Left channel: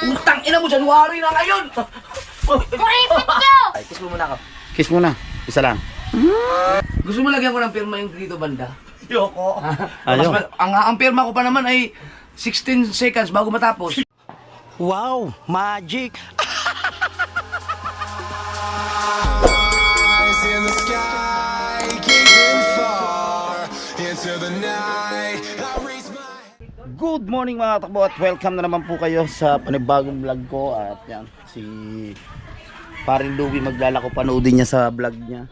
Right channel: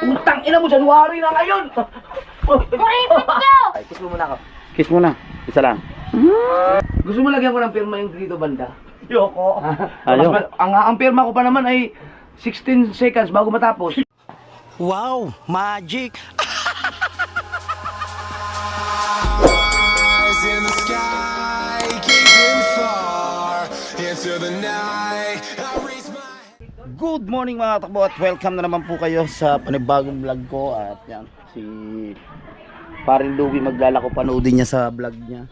Utang ina mo, January na ngayon! Kuripit nyo! Ay, kiss mo muna ako. Kiss muna. Isa lang. Gusto mo lagyan ko ng pirma yung dito banda? Yoko. Ayaw. Ang pirma ko pa naman ay 16 seconds bago matapos. Wow, magic. Eyes in the sky, gazing far into the night. I raise my Good morning mga katakbo at welcome na naman po kayo sa panibagong vlog ko. At yan, si Paring Louie maglalako, panoodin niya sa vlog niya.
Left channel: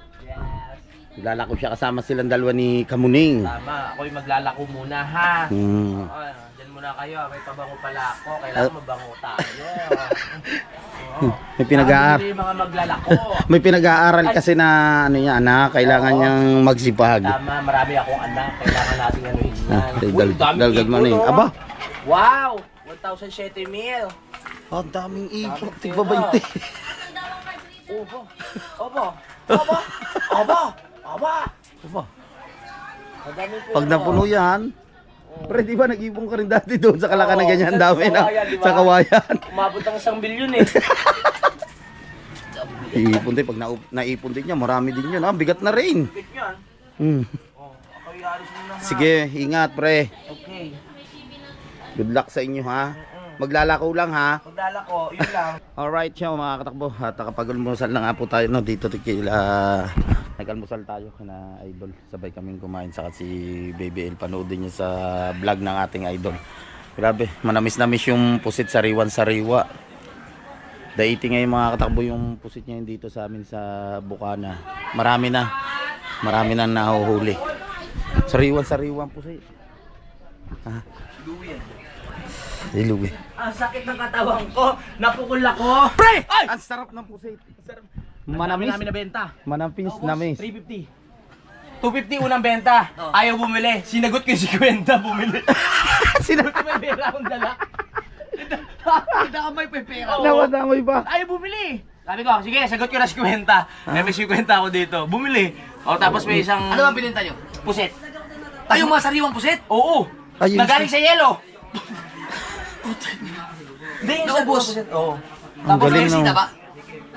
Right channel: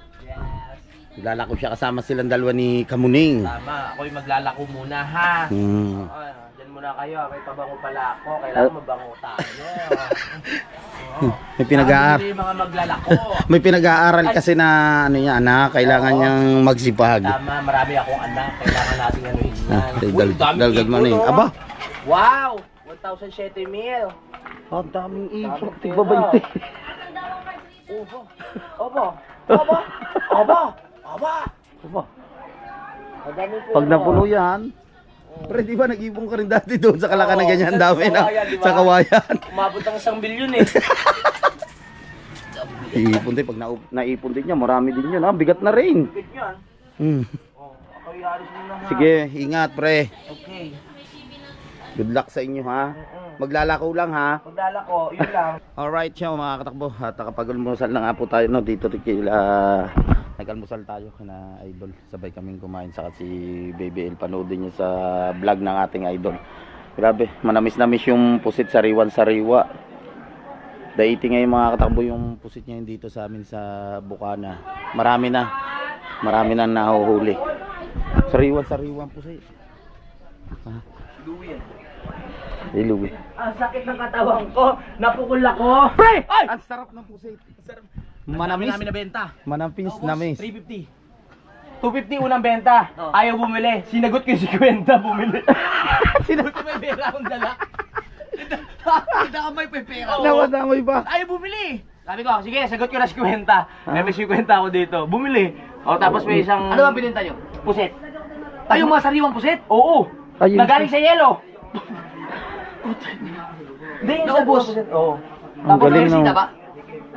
Maglalako siya kasama silang dalawa ni Kamuning. Tama, ako'y maglalako muna ha. Diyan muna kayo, may pabango pala ako. Kailangan mabango tayo. May pinag-aaral. Yung mga maglalako. May pinag-aaral kasi na ano niya, anak, kailangan niyang magsipag. Tama, marami akong anak. Kailangan natin ano yun. Dalgad man eh. Aba, Wow! 1,007 mil. ang daming ipot. Tigba 20. Obo. Obo. Obo. Obo. Obo. Aba, Madami po. pag napuno yan, pre, di ba nag-ipon ka rin dati doon sa Kalaka na ganyan dami na sa kawayan? Umabot ang 1 bilyon eh. Iipon din, pag naipon din niya, marami din yun. Bigat na rin. Bigit yan. Hmm. Oh, ako'y alis muna ha. Sige, ingat pre. Okay. Good luck sa inyo ha. Maglalako lang ha. Maglalako, yun lang. Alright siya mga katakbo. At nakapag-almusal na nga po tayo no, dito nag-almusal tayo kina Idol. Sabay kaming kumain saka si Baby El. Panoodin niyo sa vlog ng ating Idol. Grabe, manamis-namis yung pusit sariwan-sariwa. Daiti ngayon mga katakbo yung pusit niya dito sa amin sa Bukana. Marami na nahuhuli. Sariwan-sariwan pusit. Si Louie. Ang sakit ng katawan ko. Napukul ako. Pre! Ay! Ang sarap ng pusit. Manamis? Manamis. Namin nabenta. Manamis, namis. 350. 250 unang benta. Ayaw bumili. Sinagot ko yung 50 bumili. Sinagot ko may pera akong dala. Hindi ka may pepera. Nawadamay pa. Ayaw bumili. Sabi ko, sige, sagot ko na 50. May 50 ako dito. Bumili. O tapos may isang Ano ang binenta nyo? puset. Ay, yung mga sariwang puset? Oo. Ayun Nagaling sa yelo. Hindi, yung Naubos. sa puset. Oo. Ang Tapos galing may no. Sita ba?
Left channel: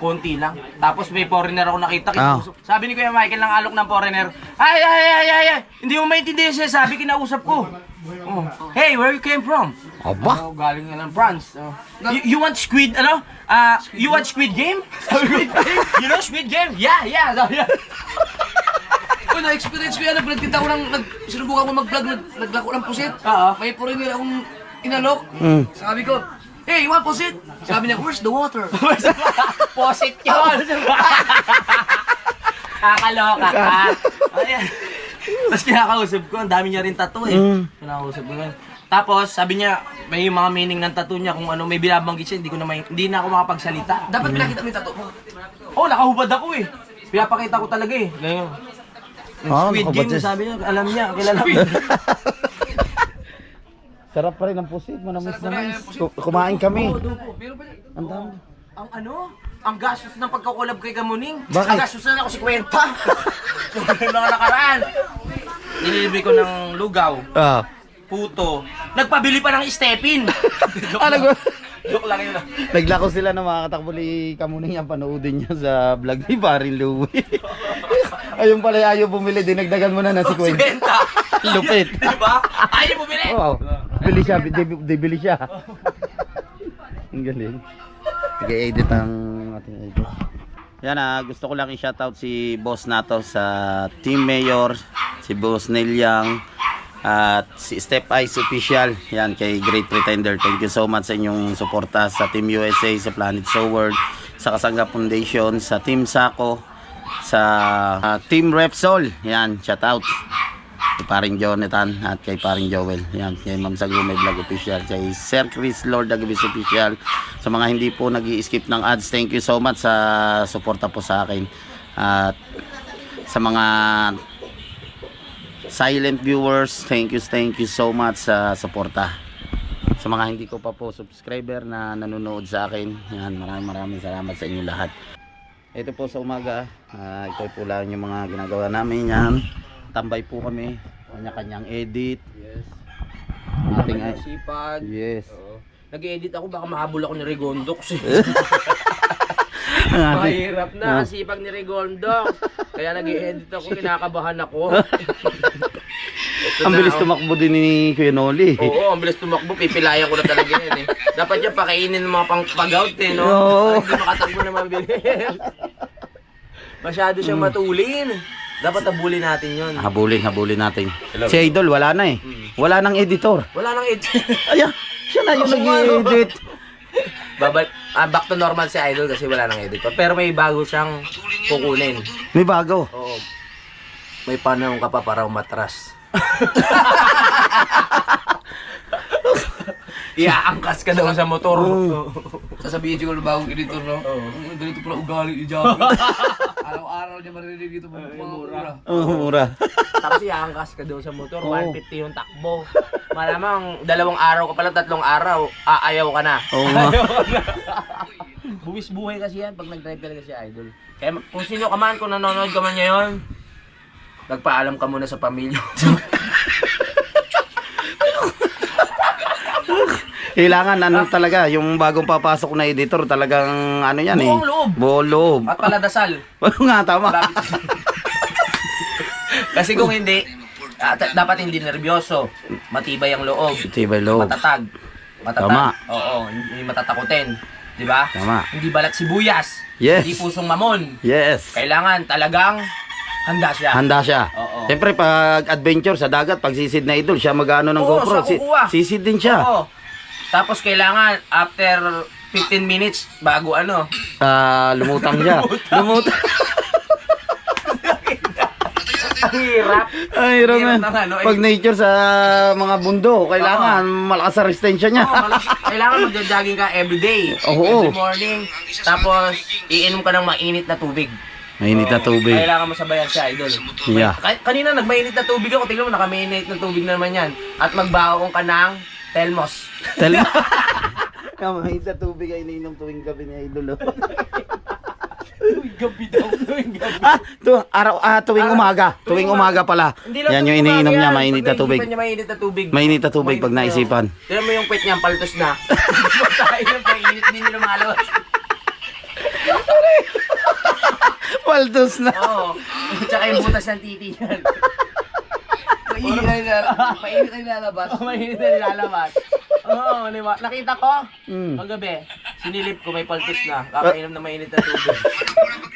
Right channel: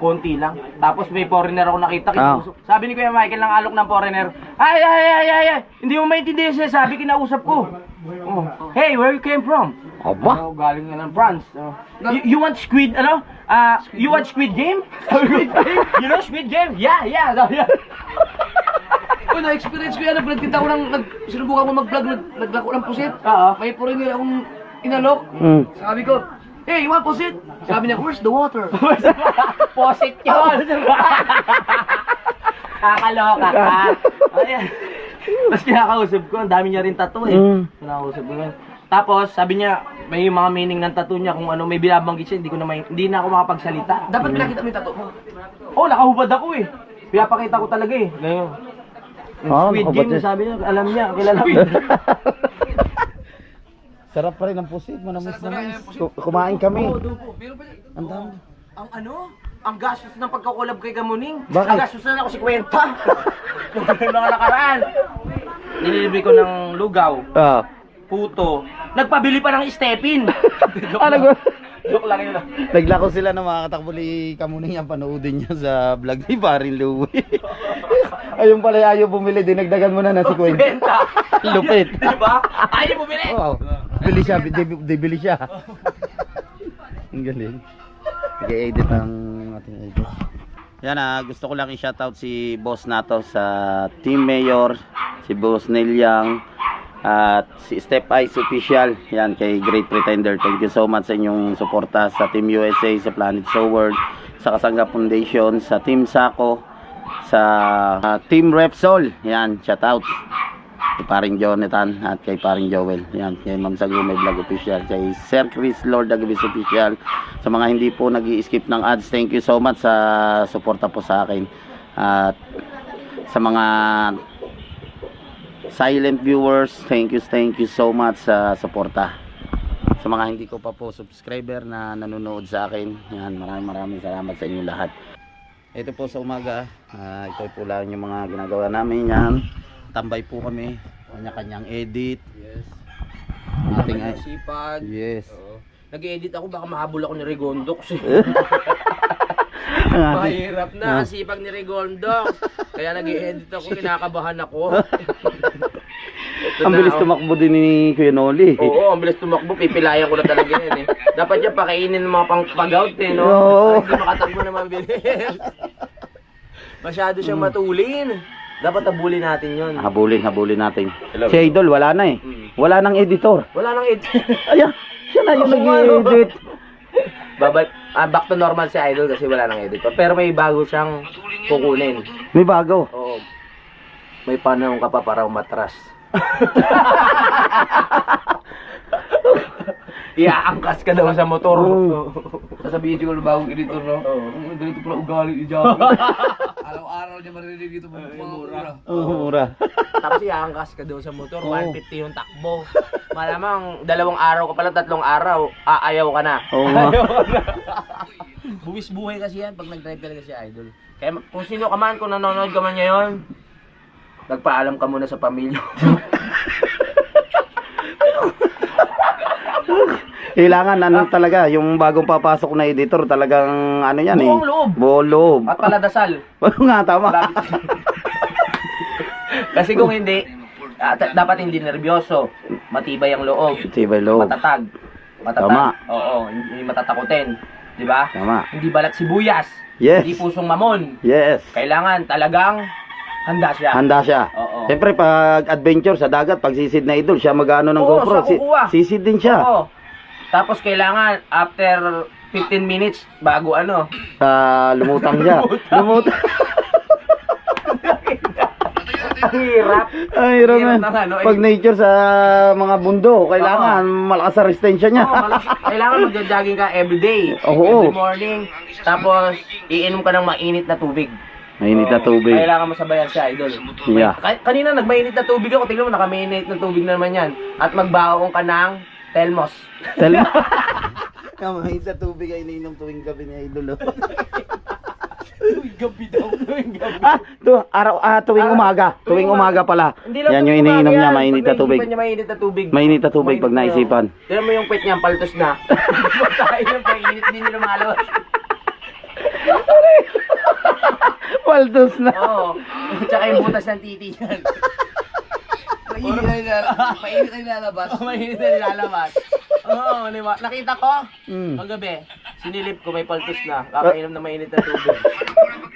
konti lang. Tapos may foreigner ako nakita. Ah. Sabi ni Kuya Michael ng alok ng foreigner, ay. Hindi mo maintindihan siya. Sabi, kinausap ko. Oh. Hey, where you came from? Aba. Oh, galing nga ng France. Oh. You want squid, ano? You want squid game? Squid game? You know squid game? Yeah. Uy, na-experience ko yan. Nagtinda ko sinubukan ko mag-vlog, naglako ng puset. Oo. May foreigner akong inalok. Sabi ko, hey, you want puset? Sabi niya, where's the water? Posit yun! Kakaloka ka. Ayan. Tapos kinakausap ko, ang dami niya rin tattoo eh. Kinakausap ko yun. Tapos sabi niya, may mga meaning ng tattoo niya kung ano, may binabanggit siya, hindi na ako makapagsalita. Dapat pinakita mo yung tattoo mo. Oh, nakahubad ako eh. Pinapakita ko talaga eh. Ngayon. Yung Ah, Squid nakahubad Game, siya. sabi niya, alam niya, kilala ko. Sarap pa rin ang pusit, manamis-namis. Kumain kami. Meron pa niya. Ang dami. Ang ano? Ang gastos ng pagkakulab kay Kamuning. Bakit? Ang gastos na ako si Kwenta. Yung mga nakaraan. Nililibre ko ng lugaw, Ah. puto. Nagpabili pa ng stepin. Joke lang yun. Naglako sila ng mga katakbo ni Kamuning yan. Panoodin niya sa vlog ni Paring Louie. Ayun pala, ayaw bumili. Dinagdagan mo na na si Queen. Kwenta. Lupit. Diba? Ayaw bumili. Oo. Bili siya, bili siya. Ang galing. Nag-edit ang ating edit. Yan gusto ko lang i-shoutout si Boss Nato sa Team Mayor, si Boss Neil Yang, at si Step Ice Official. Yan kay Great Pretender. Thank you so much sa inyong suporta sa Team USA, sa Planet So World, sa Kasangga Foundation, sa Team Sako, sa Team Repsol. Yan, shoutout. Kay Paring Jonathan at kay Paring Joel. Yan, kay Ma'am Sagumay Vlog Official, kay Sir Chris Lord Agabis Official. Sa mga hindi po nag-i-skip ng ads, thank you so much sa suporta po sa akin. At sa mga silent viewers, thank you so much sa suporta. Sa mga hindi ko pa po subscriber na nanonood sa akin, yan, maraming salamat sa inyo lahat. Ito po sa umaga, ito po lang yung mga ginagawa namin. Yan, tambay po kami, kanya-kanyang edit. Yes. Ating Sipag. yes. nag-edit ako, baka mahabol ako ni Regondox eh. Mahirap na, sipag ni Regondox. Kaya nag-edit ako, kinakabahan ako. Ang bilis tumakbo din ni Kuya Noli. Oo, ang bilis tumakbo, pipilayan ko na talaga yan eh. Dapat yan pakainin ng mga pang-pag-out eh, no? Oo. Para hindi makatakbo na mabilis. Masyado siyang matulin. Dapat habulin natin yun. Habulin natin. Si Idol, wala na eh. Wala nang editor. Wala nang edit. Ayan, siya na yung nag-edit. Back to normal si Idol kasi wala nang edit. Pero may bago siyang kukunin. May bago. Oo. May panahon ka pa para umatras. Iaangkas ka daw sa motor. Sasabihin siguro ng bagong editor, no? Ganito pala ugali ni Javi. Araw-araw niya marinig dito mga mura. Mura. Tapos iaangkas ka daw sa motor, 150 yung takbo. Malamang 2 araw ka pala, 3 araw, aayaw ka na. Oo nga. Buwis buhay kasi yan pag nag-drive talaga si Idol. Kaya kung sino ka man, kung nanonood ka man ngayon, nagpaalam ka muna sa pamilya. Kailangan ano talaga, yung bagong papasok na editor talagang ano yan Buong loob. Buong loob. At paladasal. Oo nga, tama. Kasi kung hindi, dapat hindi nervyoso. Matibay ang loob. Tibay loob. Matatag. Tama. Oo, hindi matatakutin. Di ba? Tama. Hindi balat sibuyas. Yes. Hindi pusong mamon. Yes. Kailangan talagang handa siya. Handa siya. Oo. Siyempre pag adventure sa dagat, pag sisid na Idol, siya mag-ano ng Oo, GoPro. siya kukuha. Sisid din siya. Oo. Tapos kailangan after 15 minutes bago ano. Lumutang siya. Lumutang. Ang hirap. Ay, Roman. Hirap na, no? Pag nature sa mga bundo, kailangan malakas ang resistensya niya. Kailangan magja-jogging ka everyday. Oo. Every morning. Tapos iinom ka ng mainit na tubig. Mainit na tubig. Kailangan mo sabayan siya, Idol. Yeah. Kanina nagmainit na tubig ako. Tingnan mo, nakamainit na tubig na naman yan. At magbaong ka ng Telmos. Tell mainit na tubig ay iniinom tuwing gabi ni Idol. Tuwing gabi daw. Tuwing gabi. Tuwing umaga. Tuwing umaga pala. Yan yung iniinom niya, mainit na tubig. Mainit na tubig. Mainit na tubig pag naisipan. Tignan mo yung pet niya, paltos na. Tayo yung painit din nila lumalabas. Paldos na. Oo. Tsaka yung butas ng titi yan. Mainit ay lalabas. Mainit na nilalabas. Oo, diba? Nakita ko, Mm. paggabi, sinilip ko may paltos na. Kakainom na mainit na tubig.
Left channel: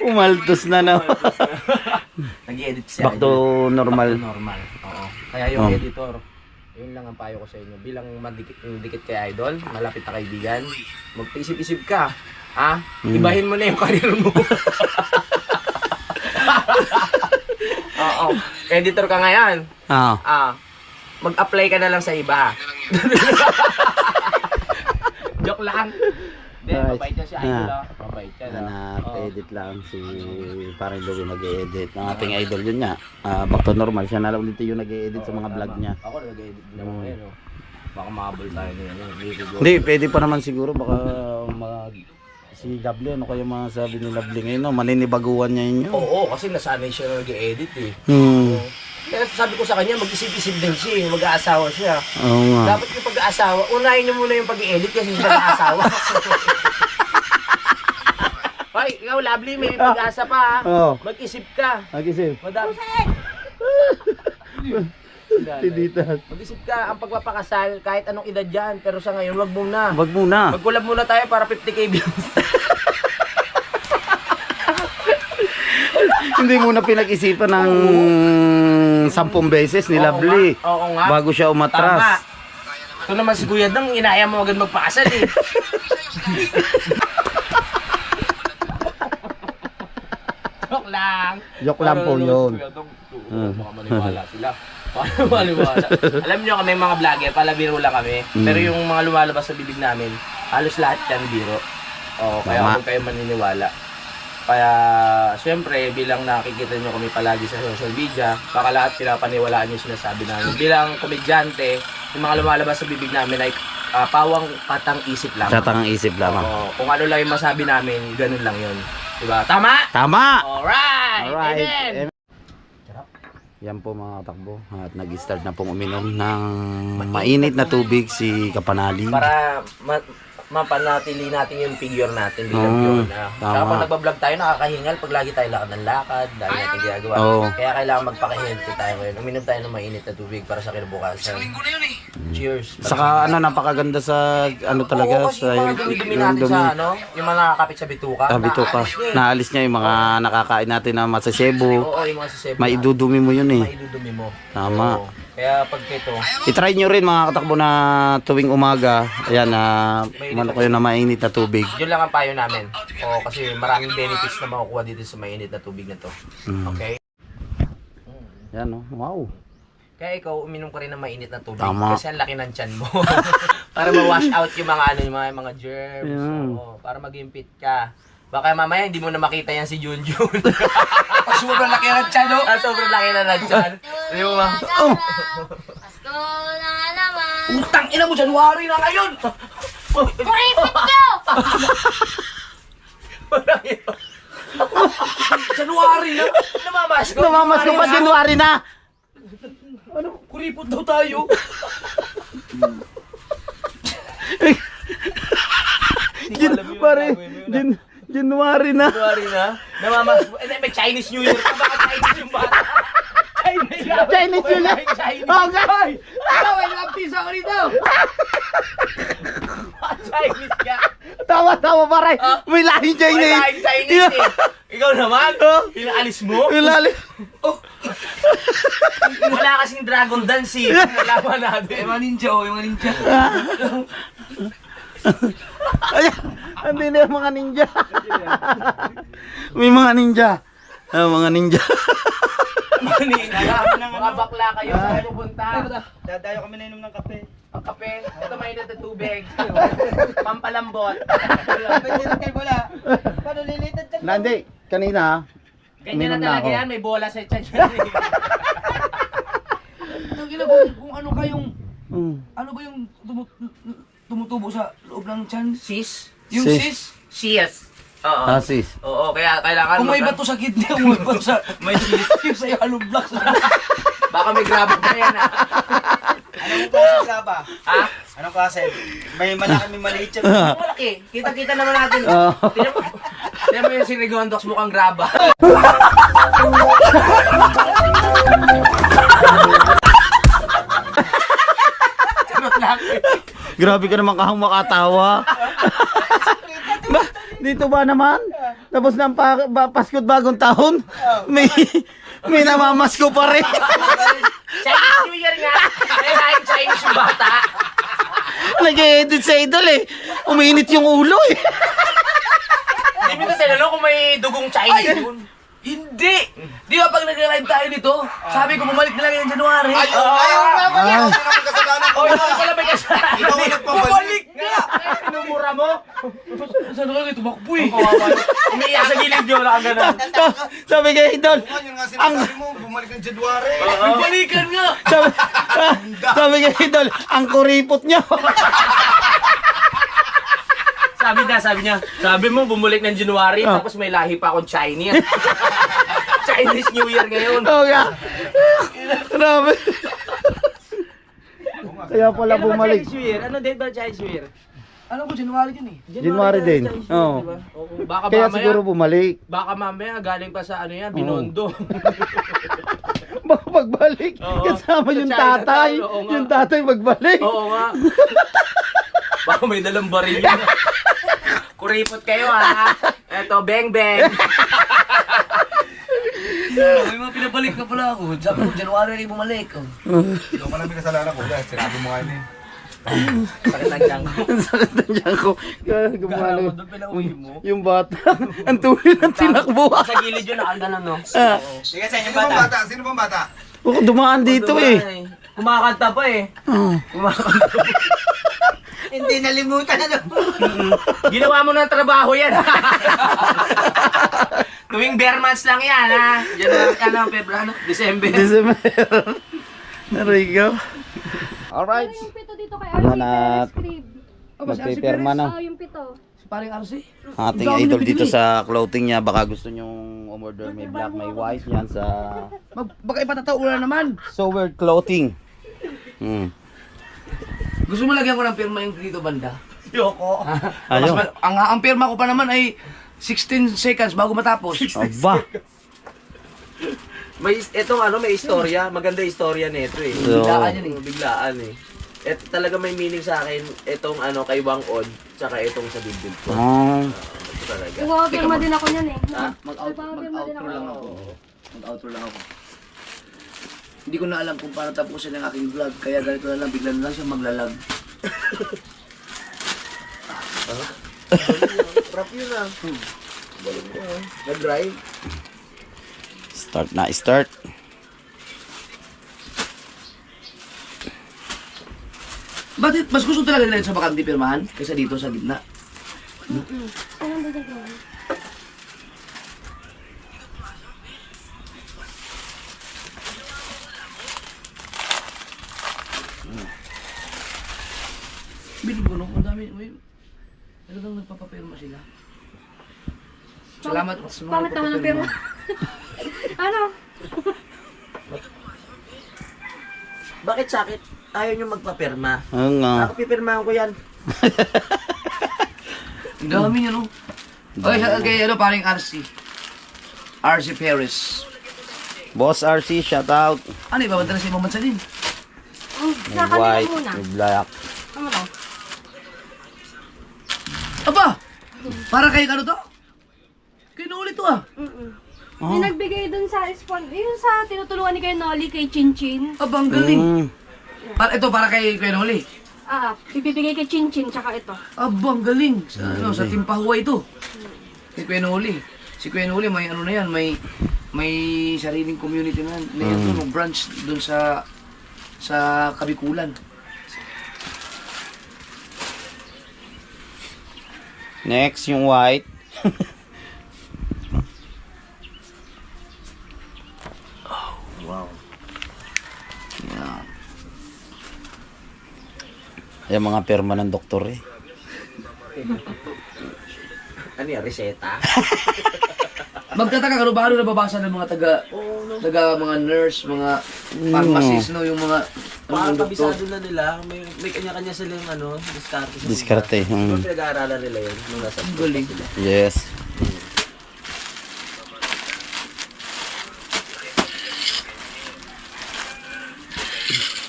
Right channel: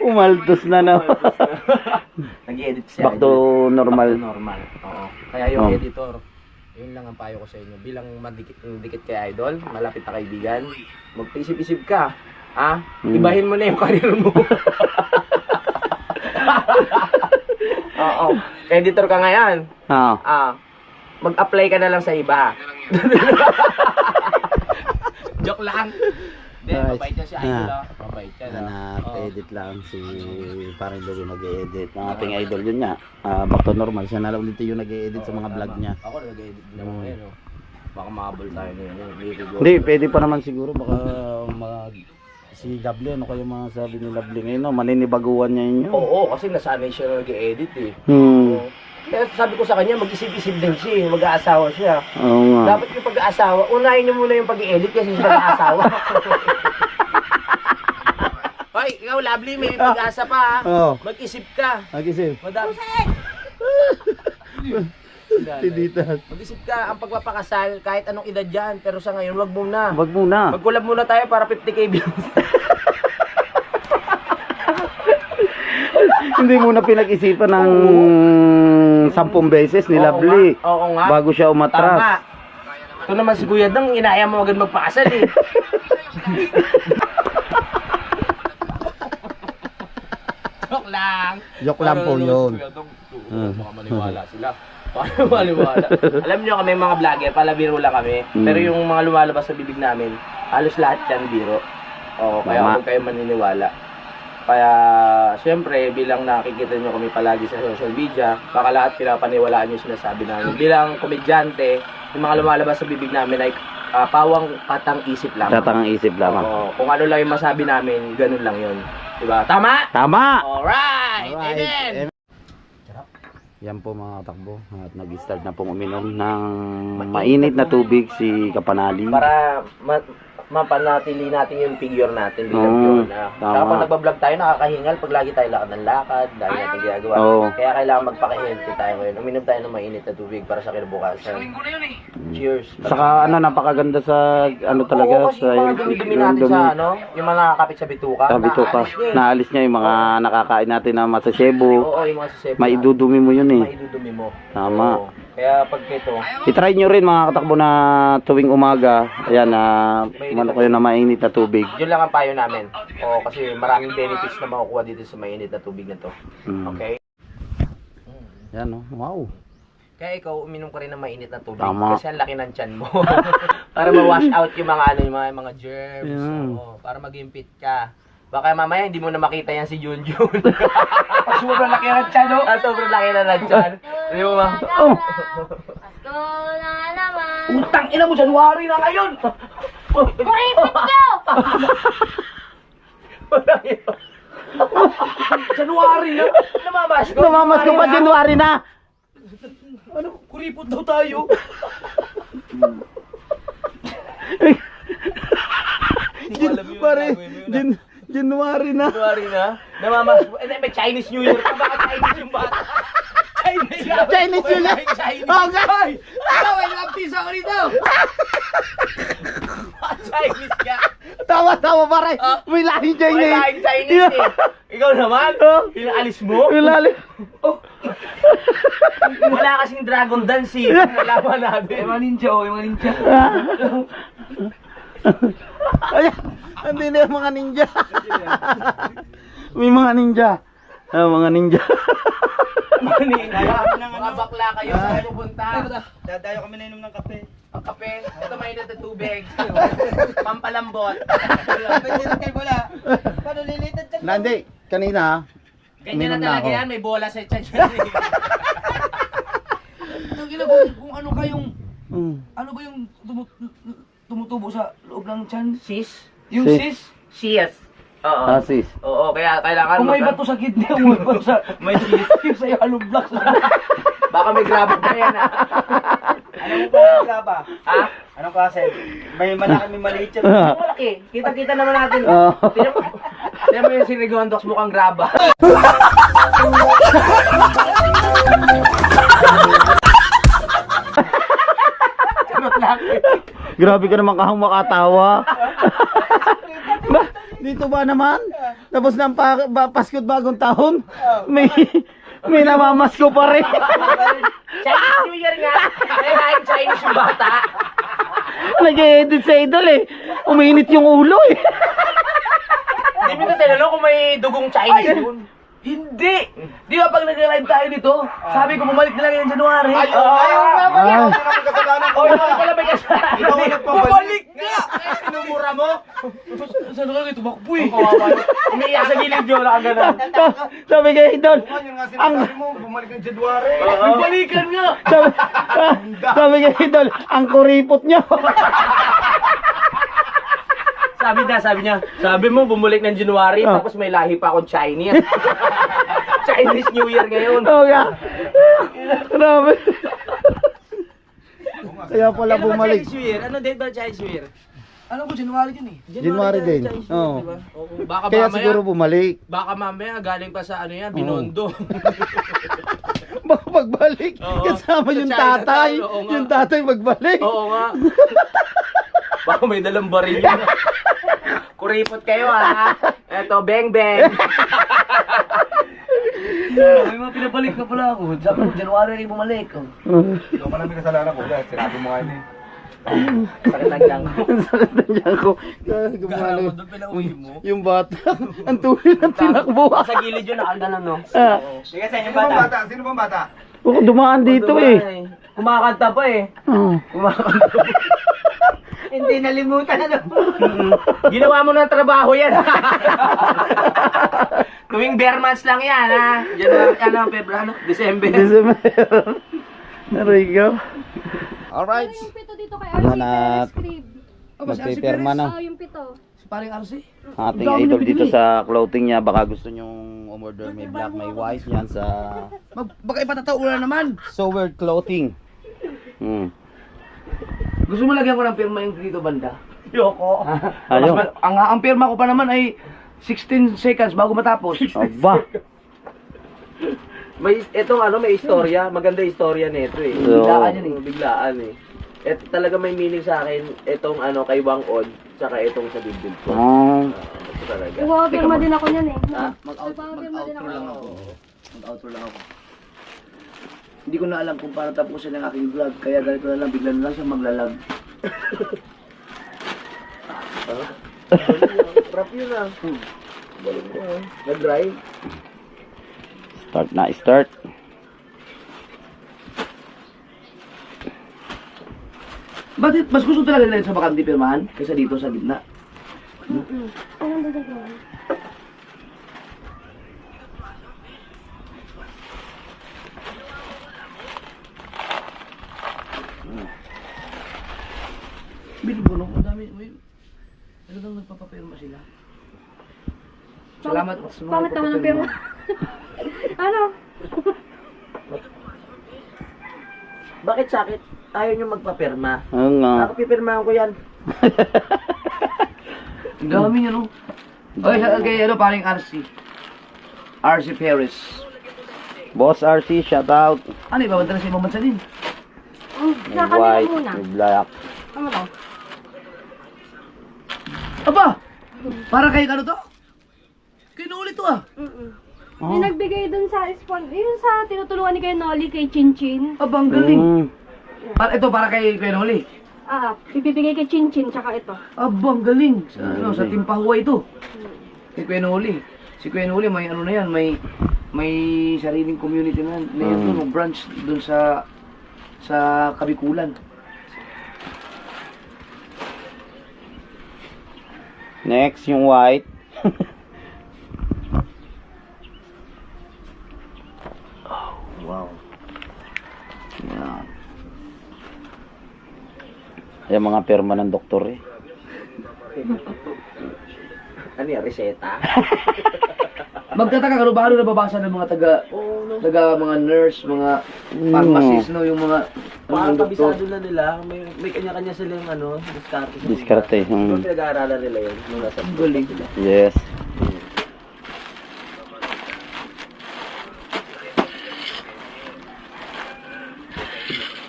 Umaltos na na. Nag-edit siya. Back to normal. Normal. Oo. Kaya yung editor, yun lang ang payo ko sa inyo. Bilang dikit kay Idol, malapit na kaibigan, magpaisip-isip ka. Ha? Ibahin mo na yung karir mo. Oo. Editor ka ngayon. Mag-apply ka na lang sa iba. Joke lang. Hindi, mabait niya si Idol. Mabait siya. Na-edit lang si parang Louie nag-edit. Ang ating idol yun nga. Back to normal. Siya na lang ulit yung nag-edit sa mga vlog niya. Ako nag-edit din naman ngayon. Baka mahabol tayo ngayon. Hindi, pwede pa naman siguro. Baka si Lovely, ano kayo mga sabi ni Lovely ngayon? No? Maninibaguan niya yun. Oo, kasi nasanay siya na nag-edit eh. Kaya sabi ko sa kanya, mag-isip-isip din siya, mag-aasawa siya. Oo nga. Dapat yung pag-aasawa, unahin niyo muna yung pag-i-edit kasi siya mag-aasawa. Hoy, ikaw Lovely, may pag-asa pa ha. Oo. Mag-isip ka. Mag-isip. Madami. Tinitas. Mag-isip ka, ang pagpapakasal, kahit anong edad yan, pero sa ngayon, wag muna. Wag muna. Mag-collab muna tayo para 50k views. Hindi muna pinag-isipan ng 10 beses ni Lovely. Oo nga. Bago siya Tama. umatras. Ito naman si Kuya Dang, inaya mo agad magpakasal eh. Joke lang. Joke lang po yun. Baka maniwala sila. Baka maniwala. Alam nyo kami mga vlogger, palabiro lang kami. Pero yung mga lumalabas sa bibig namin, halos lahat yan biro. Oo, kaya Tama. huwag kayo maniniwala. Kaya, siyempre, bilang nakikita nyo kami palagi sa social media, baka lahat pinapaniwalaan nyo sinasabi namin. Bilang komedyante, yung mga lumalabas sa bibig namin ay pawang patang isip lang. Sa tangang isip lamang. Oo, kung ano lang yung masabi namin, ganun lang yun. Diba? Tama? Tama! Alright! Alright. Amen! Yan po mga katakbo. At nag-start na pong uminom ng mainit na tubig si Kapanali. Para mapanatili natin yung figure natin bilang yun. Saka pag nagbablog tayo, nakakahingal pag lagi tayo lakad ng lakad, lagi natin ginagawa. Kaya kailangan magpaka-healthy tayo ngayon. Uminom tayo ng mainit na tubig para sa kinabukasan. Cheers. Saka napakaganda sa talaga kasi sa yung mga dumi natin sa yung mga nakakapit sa bituka. bituka. Naalis niya yung mga nakakain natin na masasebo. Oo, yung mga sasebo. Maidudumi mo yun eh. Maidudumi mo. Tama. Oo. Kaya pag ito, I-try nyo rin mga katakbo na tuwing umaga. Ayan na umano kayo na mainit na tubig. yun lang ang payo namin. Oo, kasi maraming benefits na makukuha dito sa mainit na tubig na to. Okay? Yan oh. Wow. Kaya ikaw, uminom ka rin ng mainit na tubig. Tama. Kasi ang laki ng tiyan mo. Para ma-wash out yung mga yung mga germs. Yeah. Oo, para maging fit ka. Baka mamaya hindi mo na makita yan si Junjun. Sobrang laki ng tiyan, no? Sobrang laki na ng tiyan. Hindi mo ba? Pasko na naman. Utang ina mo, January na ngayon! Kuripot nyo! January na! Namamasko. Namamas ko pa January na. Ano? Kuripot daw tayo! Pare, January na. January na. Namamasko. Eh, may Chinese New Year pa. Baka Chinese yung bata. Chinese yun lang. Oh, God. Ikaw, may nag-pisa ko dito! Chinese ka. Tawa pare. May lahing May Chinese. lahing Chinese eh. Ikaw naman. Pinaalis mo. Ilalim. Wala kasing dragon dance eh. Nalaman natin. Yung mga ninja, oh, yung mga ninja. Ayan. Hindi na yung mga ninja. May mga ninja. Mga ninja. Mga bakla kayo sa pupunta. Dadayo kami na inom ng kape. Ang kape, ito mainit na tubig. Pampalambot. Wala. Paano lilitan ka? Nandi, kanina ha. Ganyan na Uminom na talaga ako. yan, may bola sa tiyan yan. Ang ina kung ano kayong... Ano ba yung tumutubo sa loob ng tiyan? Sis? Yung Sis. sis? Sis. Oo. Sis. Oo, kaya kailangan Kung may bato sa kidney, kung may bato sa... May sis. Yung sa'yo, hollow blocks. Baka may grabo pa yan ah. Anong klase saba? Ha? Anong klase? May malaki, may maliit yan. Ang malaki. Kita-kita naman natin. Tignan mo yung si Rigondox mukhang graba. Charot lang. Grabe ka naman kahang makatawa. Dito ba naman? Tapos na ang Pasko't Bagong Taon? May namamasko pa rin. Chinese New Year nga. Kaya Chinese yung bata. Nag-edit sa idol eh. Uminit yung ulo eh. Hindi mo na tinanong kung may dugong Chinese yun. Hindi! Di ba pag nag-live tayo dito, sabi ko bumalik na lang yung January. Ayaw nga pala. Ah. Ako na may kasalanan ko. Oh, ikaw pala may kasalanan. Ikaw ang nagpabalik. Bumalik nga! Inumura mo. Saan ka kayo tumakbo eh? Umiiyak sa gilid yun. Wala kang ganun. Sabi kay idol. Yun nga sinasabi mo, bumalik ng January. Balikan nga! Sabi kay idol, ang kuripot niya. Sabi mo, bumulik ng January, tapos may lahi pa akong Chinese. Chinese New Year ngayon. Oo nga. Grabe. Kaya pala bumalik. Chinese New Year? Ano din ba Chinese New Year? Alam ko, January yun eh. January din. Oo. Baka Kaya mamaya, siguro bumalik. baka mamaya galing pa sa ano yan, Binondo. Baka pagbalik. Oo. Kasama yung Sa tatay. Chinatown, oo nga. Yung tatay magbalik. Oo nga. Baka may dalang baril yun. Kuripot kayo ha. Eto, beng beng. May mga pinabalik na pala ako. Sabi ko, January rin bumalik. Oh. Ikaw pala may kasalanan ko. Dahil sinabi mo nga yun eh. Sakit ng tiyan ko. Ang sakit na dyan ko. Gumano. Doon pinauwi mo. Yung bata. Ang tuloy ng tinakbo. Sa gilid yun, nakaganon no. Sige, sa inyong bata. Sino bang bata? Oo, dumaan dito eh. Kumakanta pa eh. Oo. Kumakanta. Hindi nalimutan na Ginawa mo ng trabaho yan. Tuwing bare months lang yan ha. January, February, December. December. Narigaw. Alright. Yung pito dito kay Ano RC na- Perez Crib. Nagpipirma na. Oh, yung pito. Paring RC. Ating Ang dami idol niya dito binili. sa clothing niya. Baka gusto nyong umorder. May black, may white yan sa Baka ipatataulan naman. So Weird Clothing. Gusto mo lagyan ko ng pirma yung dito banda? Yoko. Ayaw. Ang pirma ko pa naman ay 16 seconds bago matapos. Aba. May etong ano, may istorya, maganda istorya nito eh. So, Biglaan yan eh. Biglaan eh. Ito talaga may meaning sa akin, etong ano kay Wang Od, tsaka etong sa bibig ko. Ito talaga. Nagpapapirma din ako niyan eh. Mag-outro lang ako. Mag-outro lang ako. Hindi ko na alam kung paano tapusin ang aking vlog. Kaya ganito na lang, bigla na lang siya maglalag. Rap yun ah. Galing mo ah. Nag-drive. Start na, start. Bakit mas gusto talaga nila sa bakante pirmahan kaysa dito sa gitna? Bilib ko no, ang dami, may talagang nagpapapirma sila. Salamat sa mga Pangit naman ang nagpapapirma. pirma. Ano? Bakit sakit? Ayaw nyo magpapirma. Oo nga. Ako pipirmahan ko yan. Ang dami niya no. Okay, kay ano paring RC. RC Perez. Boss RC, shout out. Ano, ibabanta na sa ibang bansa din. May Sa kanila white, muna. may black. Ano to? Aba! Para kay ano to? Kinulit to ah. May nagbigay dun sa yung sa tinutulungan ni Kuya Noli kay Chinchin. Aba, ang galing. Mm. Ito, para kay Kuya Noli. Ibibigay kay Chinchin tsaka ito. Aba, ang galing. Sa, ano, sa Timpahuay ito. Kay Kuya Noli. Si Kuya Noli, may ano na yan, may sariling community na yan. May ano, branch dun sa Kabikulan. Next, yung white. Wow. Yan. Yung mga perma ng doktor eh. Ano yan, reseta? Magtataka ka, ba ano nababasa ng mga taga mga nurse, mga pharmacist, no? Yung mga Parang doktor. kabisado na nila, may kanya-kanya silang ano, diskarte sa Diskarte. Pero pinag-aaralan nila yun nung nasa Ang galing. Yes.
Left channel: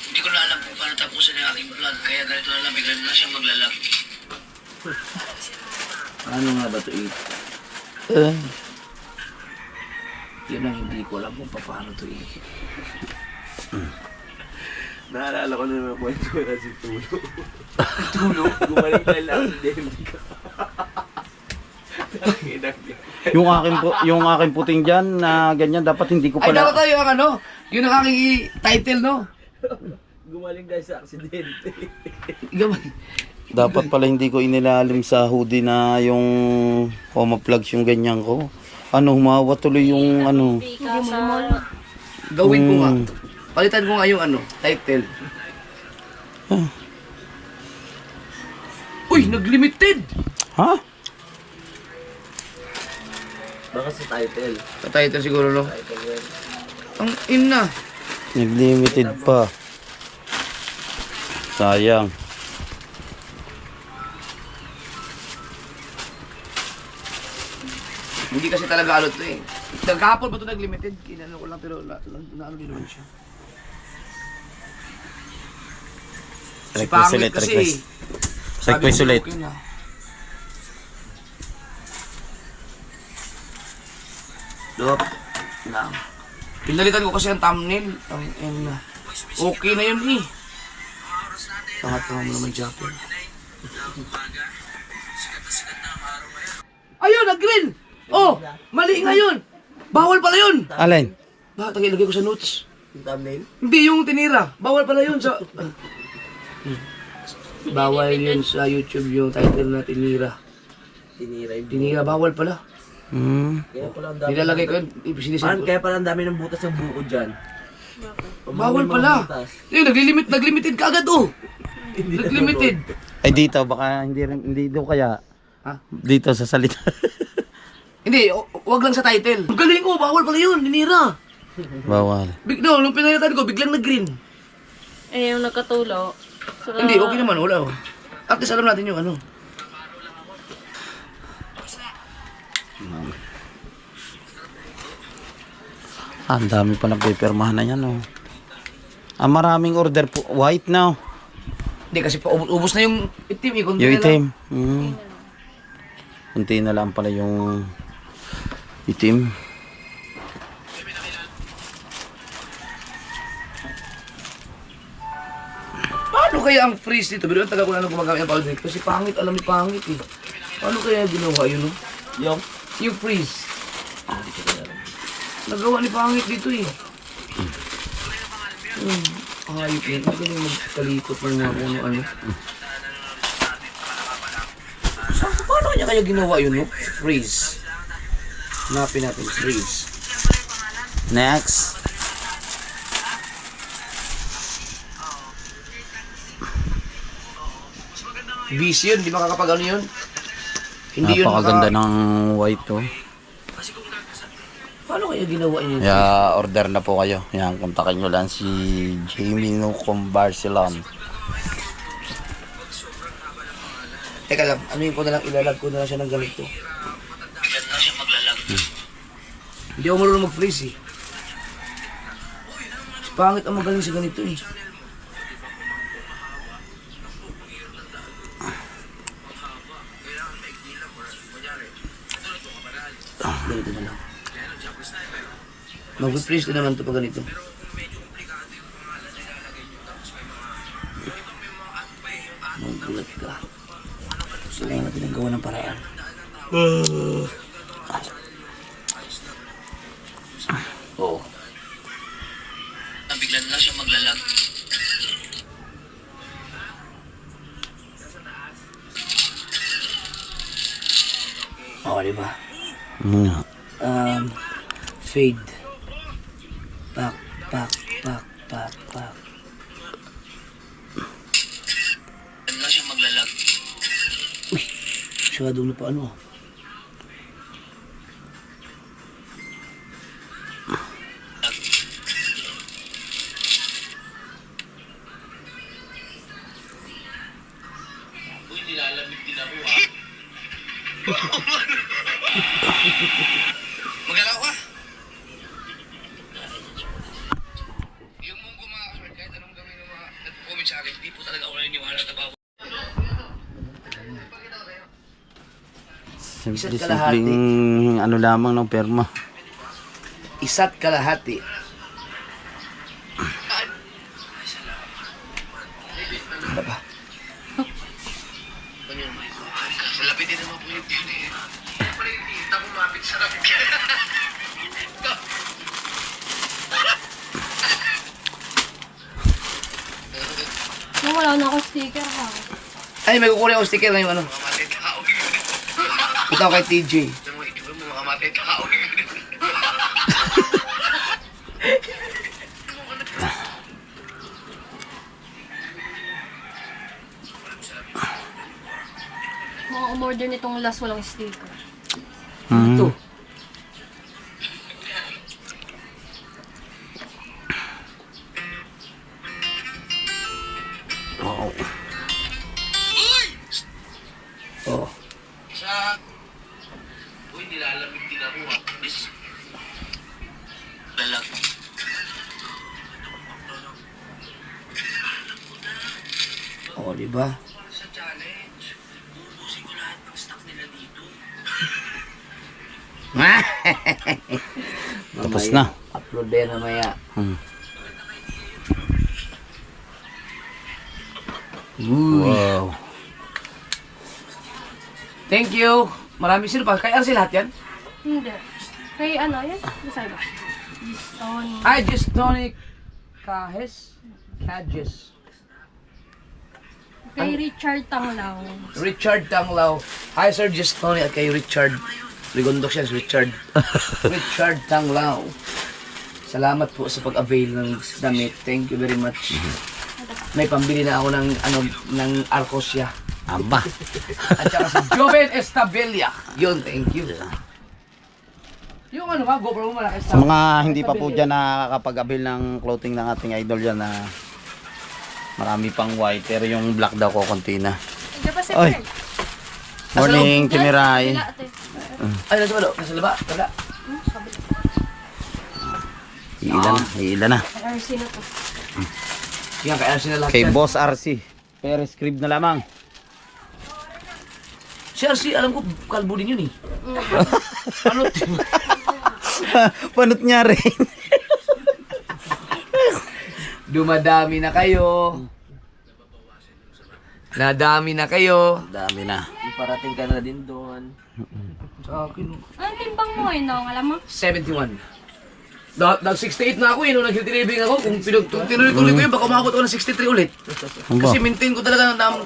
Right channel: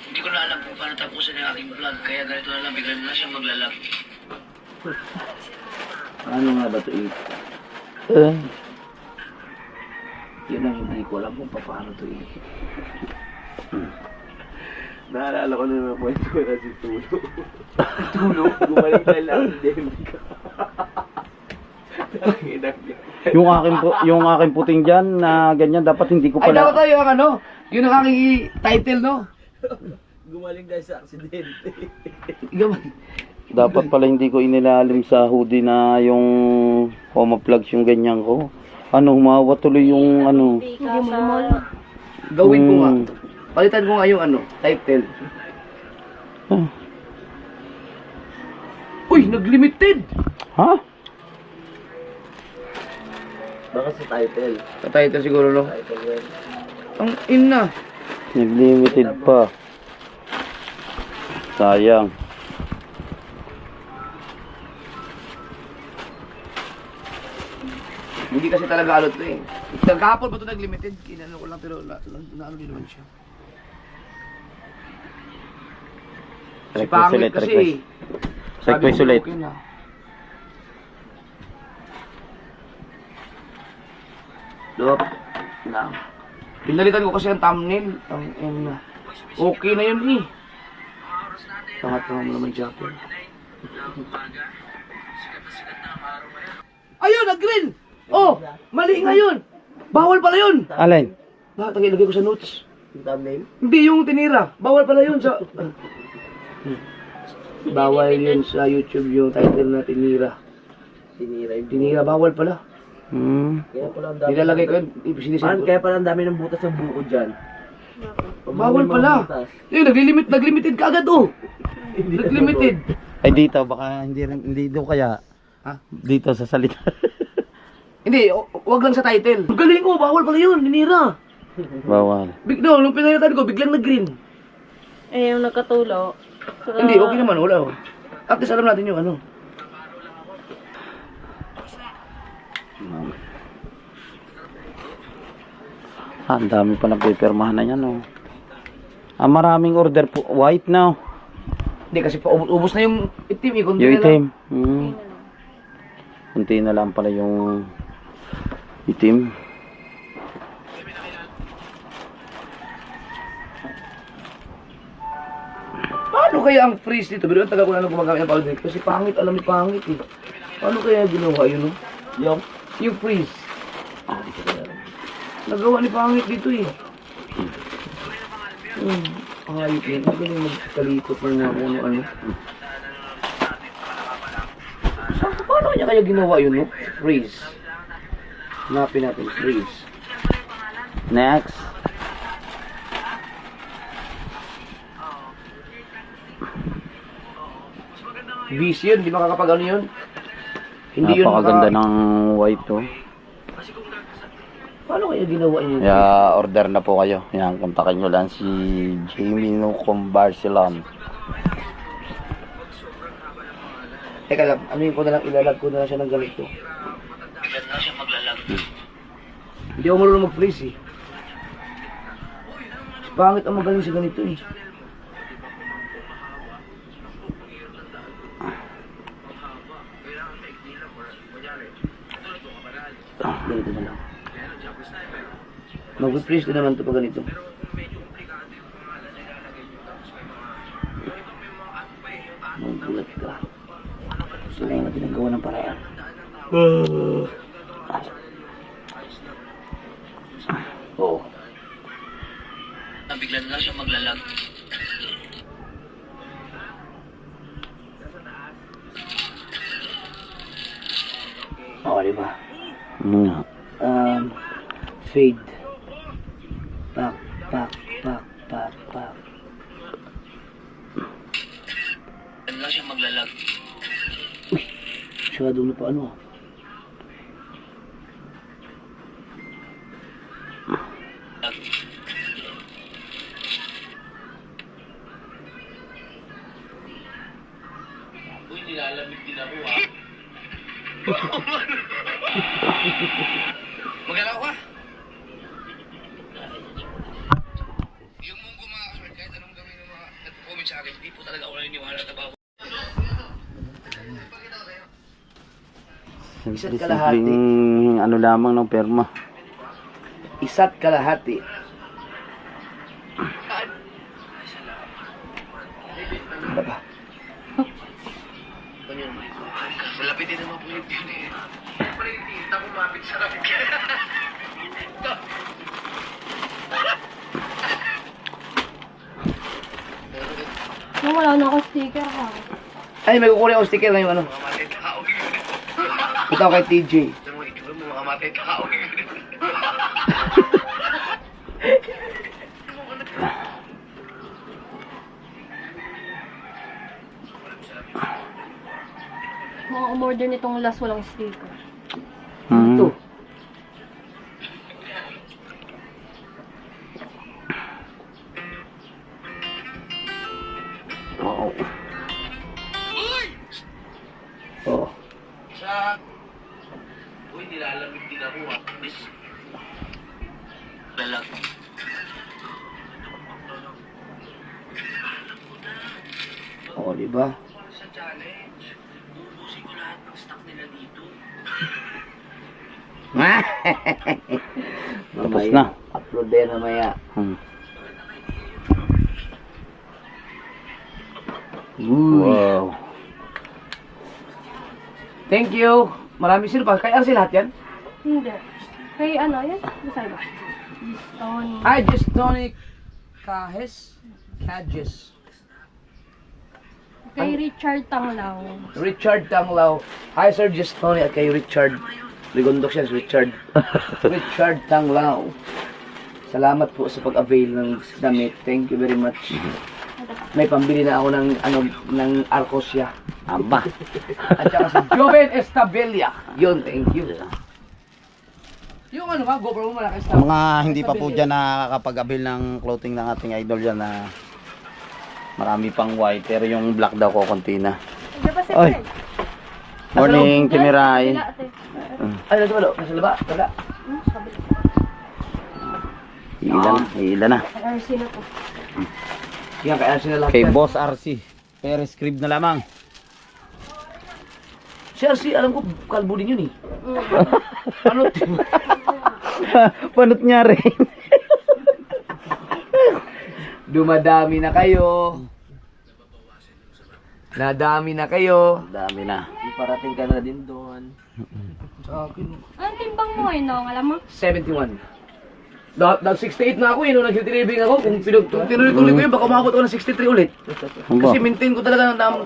Hindi ko na alam kung paano tapusin ang aking vlog, kaya ganito na lang, bigla na lang siya maglalag. Ano nga ba ito, Yun ang hindi ko alam kung paano ito, Naalala ko na naman po ito na si Tulo. Tulo? Gumaling dahil accident ka. Yung aking puting diyan na ganyan dapat hindi ko Ay, dapat pala. tayo ang ano, yun ang aking title, no? Gumaling dahil sa accident. Dapat pala hindi ko inilalim sa hoodie na yung coma plugs yung ganyan ko. Ano, humawa tuloy yung ano. Gawin ko nga. Palitan ko nga yung ano, title. Uy, naglimited! Ha? Baka sa title. Sa title siguro, no? Title yan. Ang ina. Naglimited pa. Sayang. Hindi kasi talaga ano to eh. Nagkahapon pa to naglimited. Inano ko lang pero naano din naman siya. Si Request pangit ulit, kasi request. Sabi Request ko, ulit. okay na. Dop. Lang. Pinalitan ko kasi ang thumbnail. Okay na yun eh. Tangat naman Japper. Ayun, nag-green! Oh, mali nga yun! Bawal pala yun! Alin? Bakit ilagay ko sa notes? Yung thumbnail? Hindi yung tinira. Bawal pala yun sa... Bawal yun sa YouTube yung title na tinira. Tinira yung Tinira, bawal pala. Kaya pala ang dami. Nilalagay ko yun, sinisend ko. Kaya pala ang dami ng butas ng buko dyan. Bawal pala. Yun, naglimited ka agad oh. Naglimited. Ay dito, baka hindi daw kaya. Ha? Dito sa salita. Hindi, wag lang sa title. Ang galing ko, bawal pala yun, ninira. Bawal. No, nung pinalitan ko, biglang nag-green. Eh, yung nagkatulo. Hindi, okay naman, wala. At least alam natin yung ano. Ang dami pa nagpipirmahan na yan, oh. Maraming order po. White now. Hindi, kasi pa, ubos na yung itim. Yung itim. Kunti na lang pala yung itim. Paano kaya ang freeze dito? Pero ang taga ko na nang gumagamit ng powder kasi pangit, alam ni pangit eh. Paano kaya ginawa yun, no? Yung freeze. Nagawa ni pangit dito eh. Ayop yan. Magaling magkalikot ng mga kung ano. Paano niya kaya ginawa yun, no? Freeze. Hanapin natin, freeze. Next. Busy yun, di makakapag ano yun. Hindi yun Napakaganda ng white, oh. Paano kaya ginawa yun? Kaya order na po kayo. Yan, kontakin nyo lang si Jamie Nucom Barcelon. Teka lang, ano yung ko na lang, ilalag ko na lang siya ng ganito. Hindi ako marunong mag-freeze eh. Pangit ang magaling sa ganito eh. Ganito na lang. Mag-freeze din naman ito pag ganito. Magulat ka. Kailangan natin ang gawa ng paraan. Oo. Bigla na siya maglalag. Oo, diba? Fade. Pak, pak, pak, pak, pak. Bigla siya maglalag. Uy, masyado na pa ano ah. Magalaw ka? Yung munggo mga kasword, kahit anong gawin ng mga nag-comment sa akin, hindi po talaga ako naniniwala na bago. Isa't kalahati. Simpleng ano lamang ng perma. Isa't kalahati. Ano ba? Malapit din naman po yung yun eh. Pala yung tinta kumapit sa rapid. Yung wala na ako sticker ha. Ay, may kukunin ako sticker ngayon ano. Ito ako kay TJ. Mga umorder nitong last walang sticker. Ito. Wow. Oh. Uy, nilalamig din ako ah. Lalag. Oh, di ba? Sa challenge, ubusin ko lahat ng stock nila dito. Tapos na. Upload din mamaya. Wow. Thank you. Maraming sino pa. Kaya sila lahat yan? Hindi. Kay ano yan? Basta ba? Stone. Ay, just tonic. Kahes. Kajes. Kay Richard Tanglaw. Richard Tanglaw. Hi, Sir Justoni at kay Richard. Rigondok siya, Richard. Richard Tanglaw. Salamat po sa pag-avail ng damit. Thank you very much. May pambili na ako ng Arcosia. Aba. At saka si Joven Estabella. Yun, thank you. Yung ano ba, GoPro mo malaki Sa mga hindi pa po dyan nakakapag-avail ng clothing ng ating idol dyan na marami pang white pero yung black daw ko konti na. Hindi pa Oy. separate. Morning, Timiray. Wala, ate. Ay, nasa balo, nasa laba, wala. Iilan na. RC na to. Yan, kaya sila lahat Kay yan. Boss RC. Pero script na lamang. Si RC, alam ko, kalbo din yun eh. Ano? Panot niya rin. Dumadami na kayo. Nadami na kayo. Dami na. Parating ka na din doon. Sa akin, Anong timbang mo ngayon, Nong? Alam mo? 71. Nag-68 na ako eh, nung nag-living ako. Kung tinuloy-tuloy ko yun, baka umabot ako ng 63 ulit. Aba. Kasi maintain ko talaga ang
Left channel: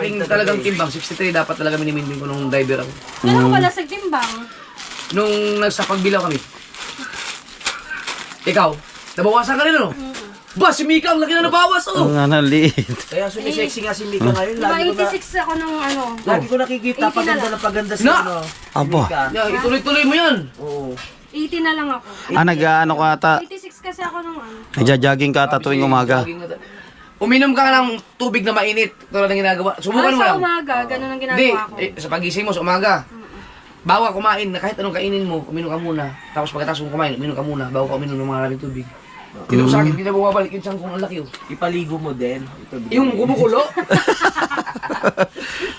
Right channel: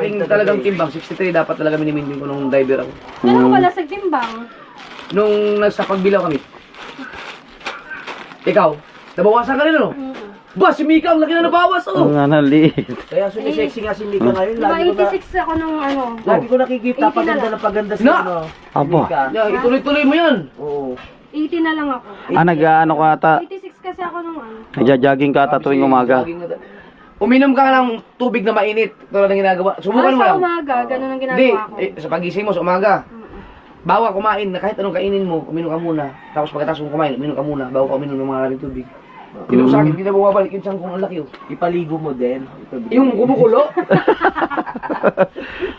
aking talagang timbang. 63 dapat talaga minimaintain ko nung diver ako. Ano ka pala sa timbang? Nung nasa pagbilaw kami. Ikaw, nabawasan ka rin ano? Ba, si Mika ang laki na nabawas oh! Ang liit. Kaya sumisexy nga si Mika ngayon. Diba 86 ako nung ano. Lagi ko nakikita, 80 paganda na na paganda si Na! ano. Aba. Mika. Yeah, ituloy-tuloy mo yan! Oo. 80 na lang ako. Nag-ano ka ata. 86 kasi ako nung ano. Nagja-jogging ka ata tuwing umaga. Uminom ka ng tubig na mainit. Tulad ng ginagawa. Subukan mo Sa lang. umaga, ganun ang Hindi, ginagawa ko. sa pagising mo sa umaga. Bawa kumain na kahit anong kainin mo, uminom ka muna. Tapos pagkatapos mo kumain, uminom ka muna. Bago ka uminom ng maraming tubig. Tinom sa akin, hindi na bumabalik yung siyang kung ang laki oh. Ipaligo mo din. Ito, Yung kumukulo.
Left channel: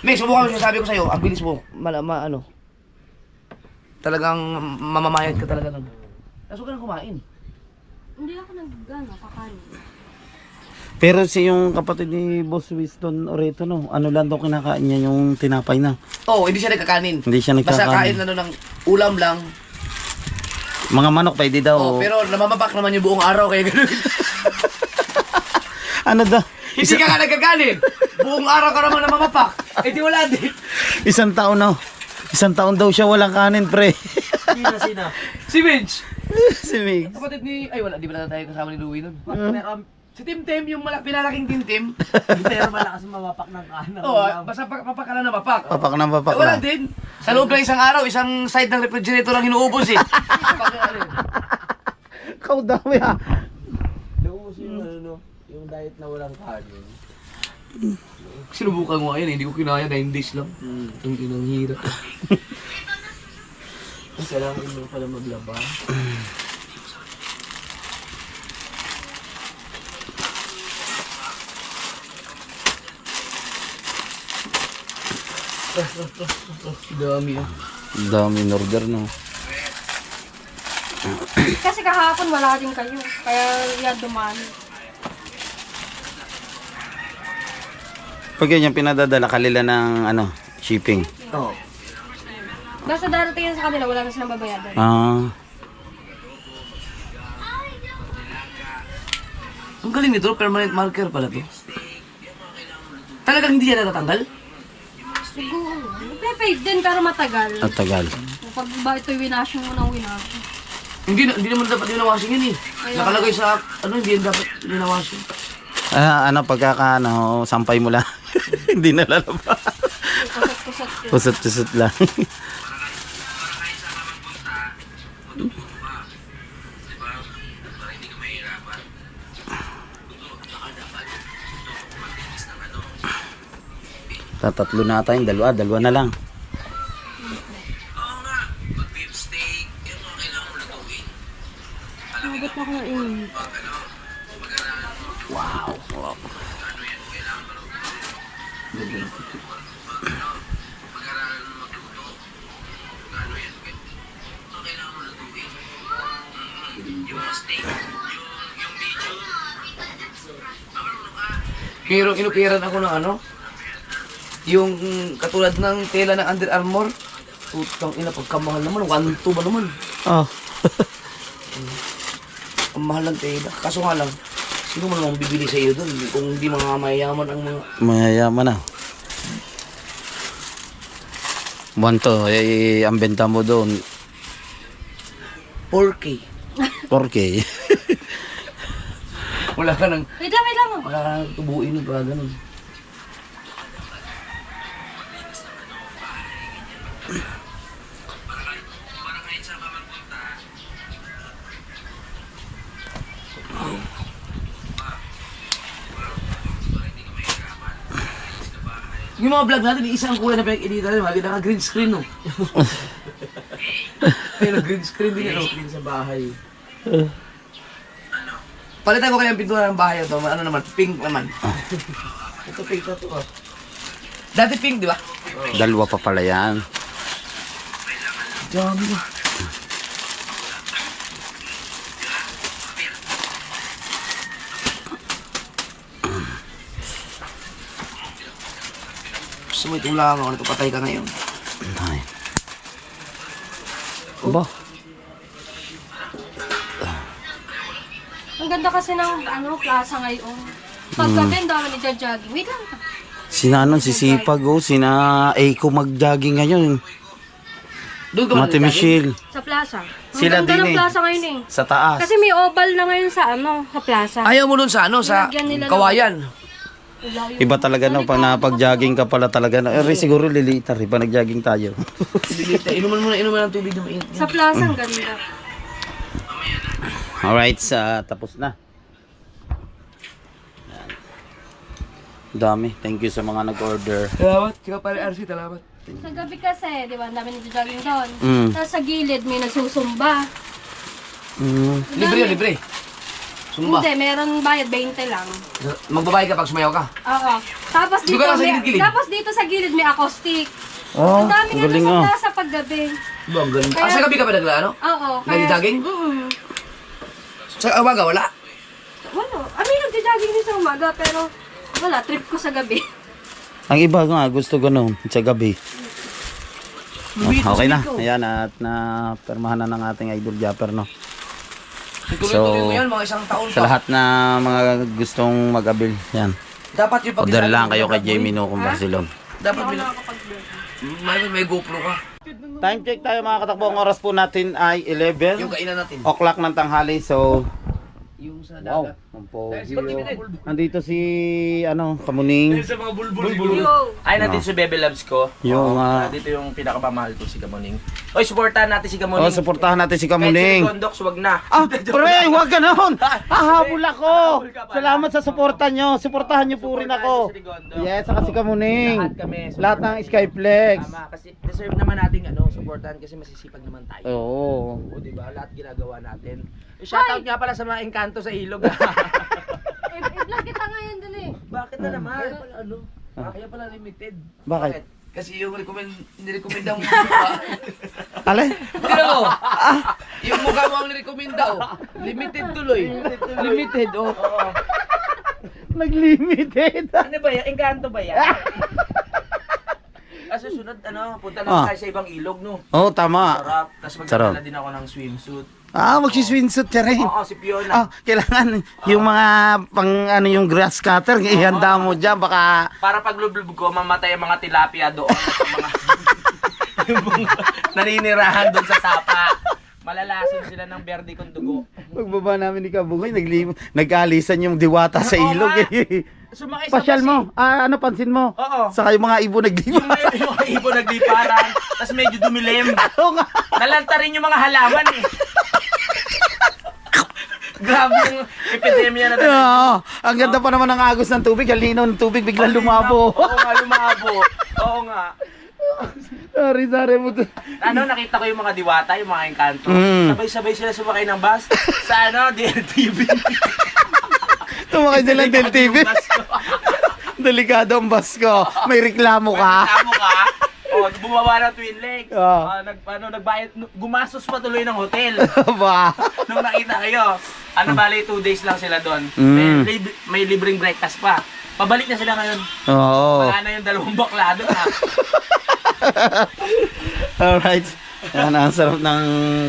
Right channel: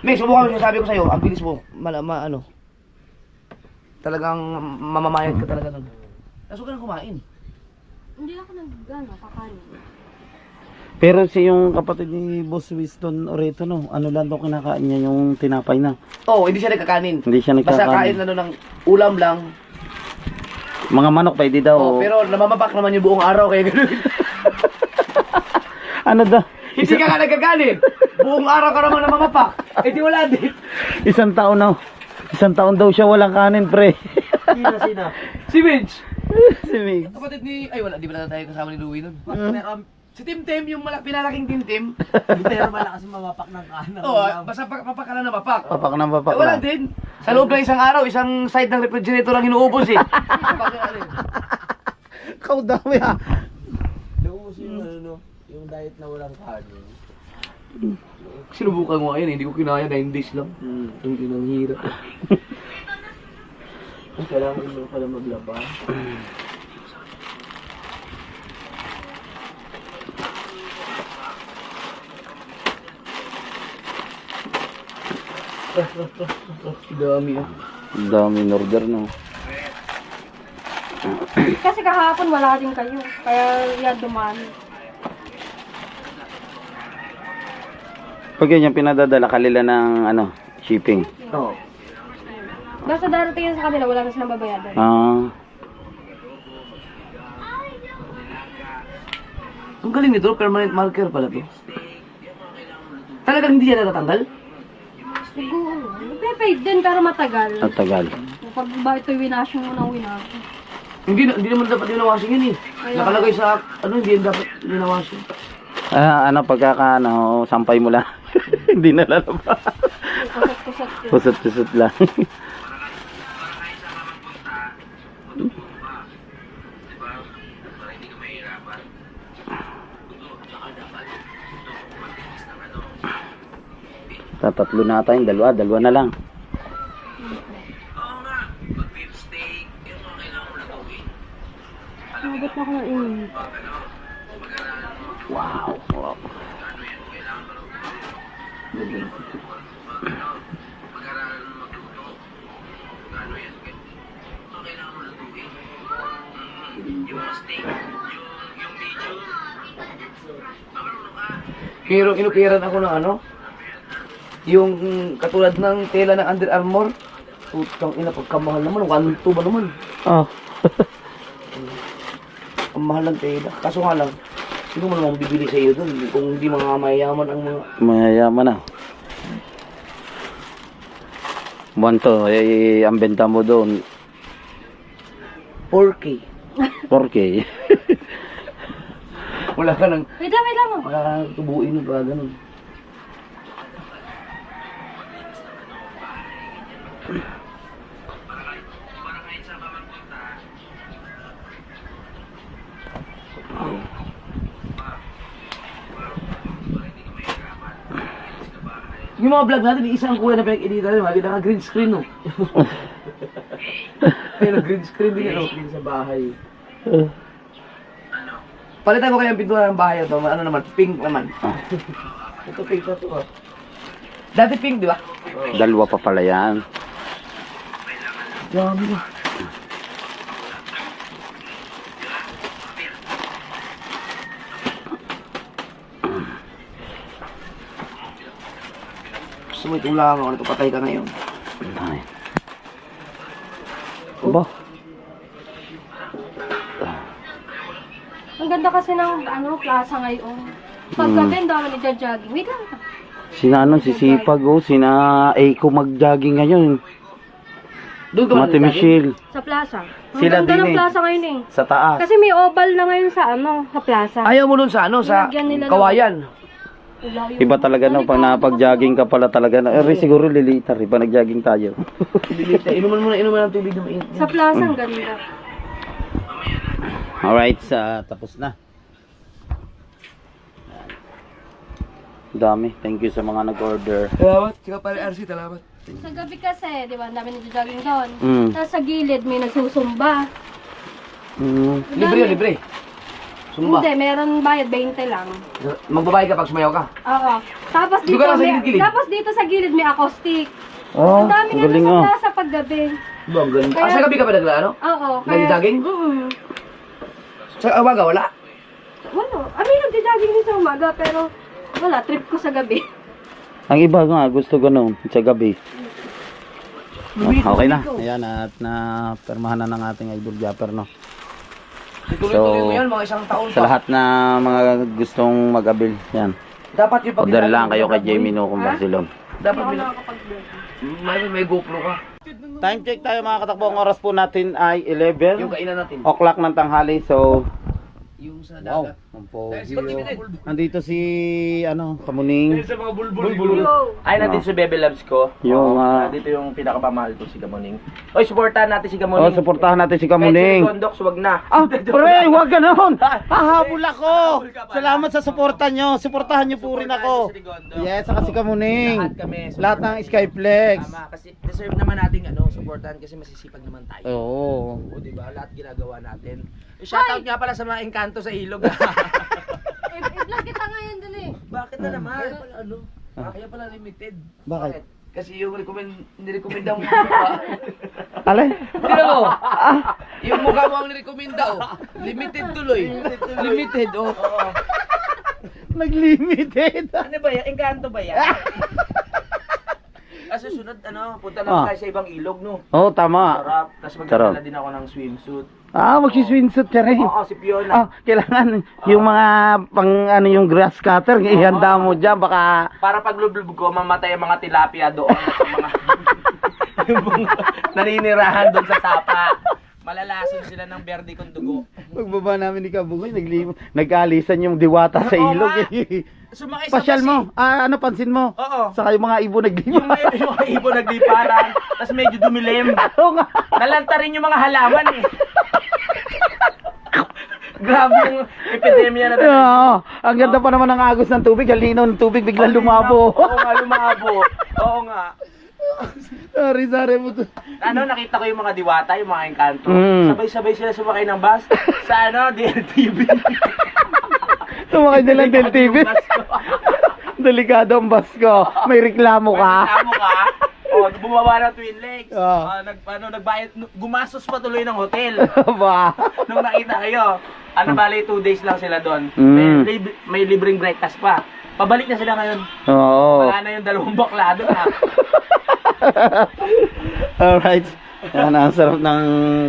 May, subukan mo sabi ko sa'yo, ang bilis mo, ano, talagang mamamayad ka talaga nun. Kaso ka na kumain. Hindi ako kakanin. Pero si yung kapatid ni Boss Winston Oreto no, ano lang daw kinakain niya yung tinapay na. Oo, hindi siya nagkakanin. Hindi siya Basta kain nagkakain. na ng ulam lang. Mga manok pwede daw. Oo, pero namamapak naman yung buong araw kaya gano'n. Ano daw? Hindi ka nagkakanin. Buong araw ka naman namamapak. Eh di wala din. Isang taon na. Isang taon daw siya walang kanin, pre. Sina. Si Vince. Si Mig. Kapatid ni... Ay wala, di ba na tayo kasama ni Louie nun? Pero Si Tim Tim, yung pinalaking Tim Tim. malakas mamapak ng kanan. Oo, basta papak ka na namapak. Papak na papak Eh, wala na. din. Sa loob ng isang araw, isang side ng refrigerator lang inuubos eh. Kau dami ha. Naubos yung ano, yung diet na walang kanin. Sinubukan ko ngayon eh, hindi ko kinaya, 9 days lang. Ang inang hirap. Kailangan mo pala maglaba. Dami ah. Dami in order no. Kasi kahapon wala din kayo. Kaya yan dumami. Pag yan pinadadala kalila ng ano, shipping. Oo. Basta darating yan sa kanila, wala na silang babayadan. Ah. Ang galing nito, permanent marker pala to. Talagang hindi yan natatanggal? Siguro. Nagpe-fade din pero matagal. At tagal. Pag ba ito winashing mo ng winashing. Hindi naman dapat winawashing yun eh. Nakalagay sa, hindi yan dapat winawashing. Ah, ano pagkaka ano, sampay mo lang. Hindi na lalaba. Kusot-kusot yun. Pusot-pusot lang. Tatatlo na tayong dalawa na lang. Nabot na ako ng init. Wow. Pero inukiran ako ng ano, yung katulad ng tela ng Under Armour. Putang ina, pagkamahal naman, 1.2 ba naman? Oh. Ang mahal ng tela. Kaso nga lang, sino mo namang bibili sa iyo doon kung hindi mga mayayaman ang mga... Mayayaman na. Buwanto, ang benta mo doon, 4K. 4K. Wala ka nang, Wait lang oh. wala ka nang tubuin pa ganun. Yung mga vlog natin, isang kulay na pinag-editan natin, maganda ka green screen, no? Ayun, green screen din, no? Din sa bahay. Palitan ko kaya ang pintura ng bahay ito, ano naman, pink naman. Ito pink na to ah. Dati pink, di ba? Dalawa pa pala yan. Dami na. Gusto mo itong lang ako, ano ito, patay ka ngayon. Ay. Ba? Ang ganda kasi ng plaza ngayon. Paggabi, ang dami nagja-jogging. Wait lang. Sina ano, si Sipag oh, sina Eiko mag-jogging ngayon. Doon ka ba Mati nag-jogging? Michelle. Sa plaza. Ang Sila ganda din ng eh. plaza ngayon eh. Sa taas. Kasi may oval na ngayon sa sa plaza. Ayaw mo dun sa ano, sa Nilagyan nila ng- kawayan. Wala yun. Iba talaga no, pag napag-jogging ka pala talaga. Siguro lilita rin, pag nag-jogging tayo. Dilita, inuman mo na, inuman ng tubig na mainit. Sa plaza, ang ganda. Alright, tapos na. Dami. Thank you sa mga nag-order. Salamat, sika pare RC, salamat. Sa gabi kasi, di ba, ang dami nagja-jogging doon. Mm. Tapos sa gilid, may nagsusumba. Libre yun, libre. Sumba. Hindi, meron bayad, 20 lang. Magbabayad ka pag sumayaw ka. Oo. Tapos Di dito, ba nasa may, gilid-gilid? tapos dito sa gilid may acoustic. Oh, Ang dami nga galing sa ah. plaza paggabi. Ba, ang ganda. Kaya- Sa gabi ka ba nagla, ano? Oo. Nagja-jogging? Sa umaga, wala. Wala. May nagja-jogging din sa umaga, pero wala, trip ko sa gabi. Ang iba nga, gusto ganun, sa gabi. Okay na. Ayan, at na-permahan na ng ating idol Japper, no? Tuloy-tuloy mo yan, mga isang taon Sa pa. lahat na mga gustong mag-abil, yan. Dapat yung pag Order lang kayo kay Jamie No kung Barcelona. Dapat may GoPro ka. Time check tayo mga katakbo. Ang oras po natin ay 11 Yung kainan natin. o'clock ng tanghali. So, Yung sa wow. dagat. Ang pogi. Dahil si Nandito si, Kamuning. sa mga bulbul. Yo! Ay, nandito si Bebe Loves ko. Yung, Dito yung pinakamamahal ko, si Kamuning. Oy, supportahan natin si Kamuning. Oh, suportahan natin si Kahit si Kamuning. Gondox, wag na. Ah, pre, huwag ganon. Hahabol ako. Salamat sa suporta nyo. Suportahan nyo po rin ako. Si Rigondo. Yes, saka si Kamuning. Lahat kami. Lahat ng Skyflex. Tama, kasi deserve naman nating supportahan kasi masisipag naman tayo. Oo. O, diba? Lahat ginagawa natin. Shoutout nga pala sa mga engkanto sa ilog. I-vlog kita ngayon dun eh. Bakit na naman? Kaya pala ano? Kaya pala limited. Bakit? Kasi yung nirekomenda mo mukha. Alay? Tira mo. Yung mukha mo ang nirekomenda, oh. Limited tuloy. Limited, oh. Naglimited. Ano ba yan? Engkanto ba yan? Kasi sunod, punta lang tayo sa ibang ilog, no? Oo, tama. Sarap. Tapos Sarap. magdala din ako ng swimsuit. Magsiswimsuit ka rin. Oo, si Fiona. Kailangan yung mga yung grass cutter, ihanda mo dyan, baka Para pag lublub ko, mamatay ang mga tilapia doon. At yung mga naninirahan doon sa sapa. Malalason sila ng berde kong dugo. pagbaba namin ni Kabungoy, nag-aalisan yung diwata sa Oo ilog. nga. Eh. Sumakay sa Pasyal mo, pansin mo. Oo. Saka yung mga ibo Yung naglipa. mga ibon nagliparan, tapos medyo dumilim. Oo nga. Nalanta rin yung mga halaman eh. Grabe yung epidemya na talaga. Oo, ang ganda pa naman ng agos ng tubig, ang linaw ng tubig, biglang lumabo. Oo nga, lumabo. Oo nga. Sorry mo to. Nakita ko yung mga diwata, yung mga engkanto. Mm. Sabay-sabay sila sumakay ng bus sa DLTV. Tumakay silang del TV. Yung bus ko. Delikado ang bus ko. May reklamo ka. Reklamo ka? O, bumaba ng Twin Lakes. Oo. Nagbayad, gumastos pa tuloy ng hotel. Ba? Nung nakita kayo, bali 2 days lang sila doon. Mm. May libreng breakfast pa. Pabalik na sila ngayon. Oo. Wala na yung 2 bakla doon ha. Alright. Yan, ang sarap ng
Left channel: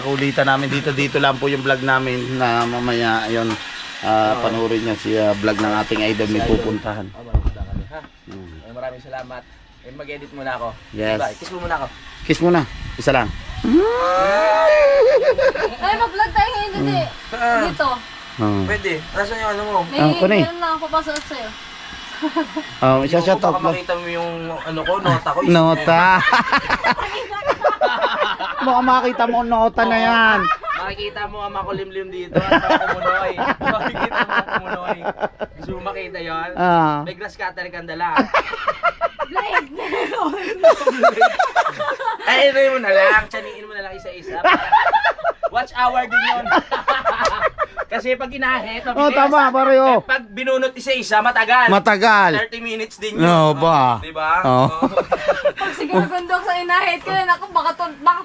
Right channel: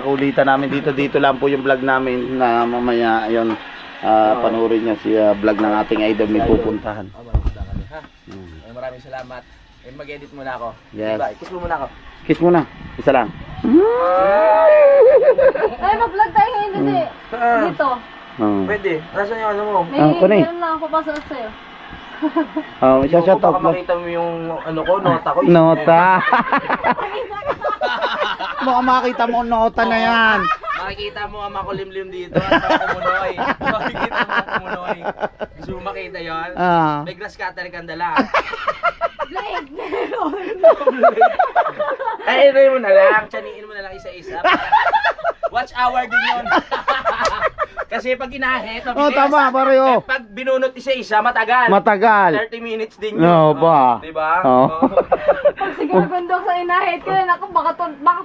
kulitan namin dito. Dito lang po yung vlog namin na mamaya, ayun, panoorin nyo si vlog ng ating idol may pupuntahan. Maraming salamat. Mag-edit muna ako. Yes. Bye. Kiss mo muna ako. Kiss muna. Isa lang. Ay, mag-vlog tayo ngayon dun eh. Dito. Oh. Pwede. Nasaan yung ano mo? kunin. Meron lang ako papasok sa'yo. Oh, isa-shout Baka out mo. makita mo yung ano ko, nota ko. Nota. Baka makita mo ang nota na yan. Makikita mo ang makulimlim dito at ang kumunoy. Makikita mo ang kumunoy. Gusto mo makita yun? Ah. May grass cutter kang dala. Blade! Meron! Ay, mo na lang. Tsaniin mo na lang isa-isa. Watch hour din yun. Kasi pag inahit, Oh, tama, pareho. Pag binunot isa-isa, matagal. Matagal. 30 minutes din yun. No, ba? Diba? Oh. Pag siguro gundok sa inahit ko, ako baka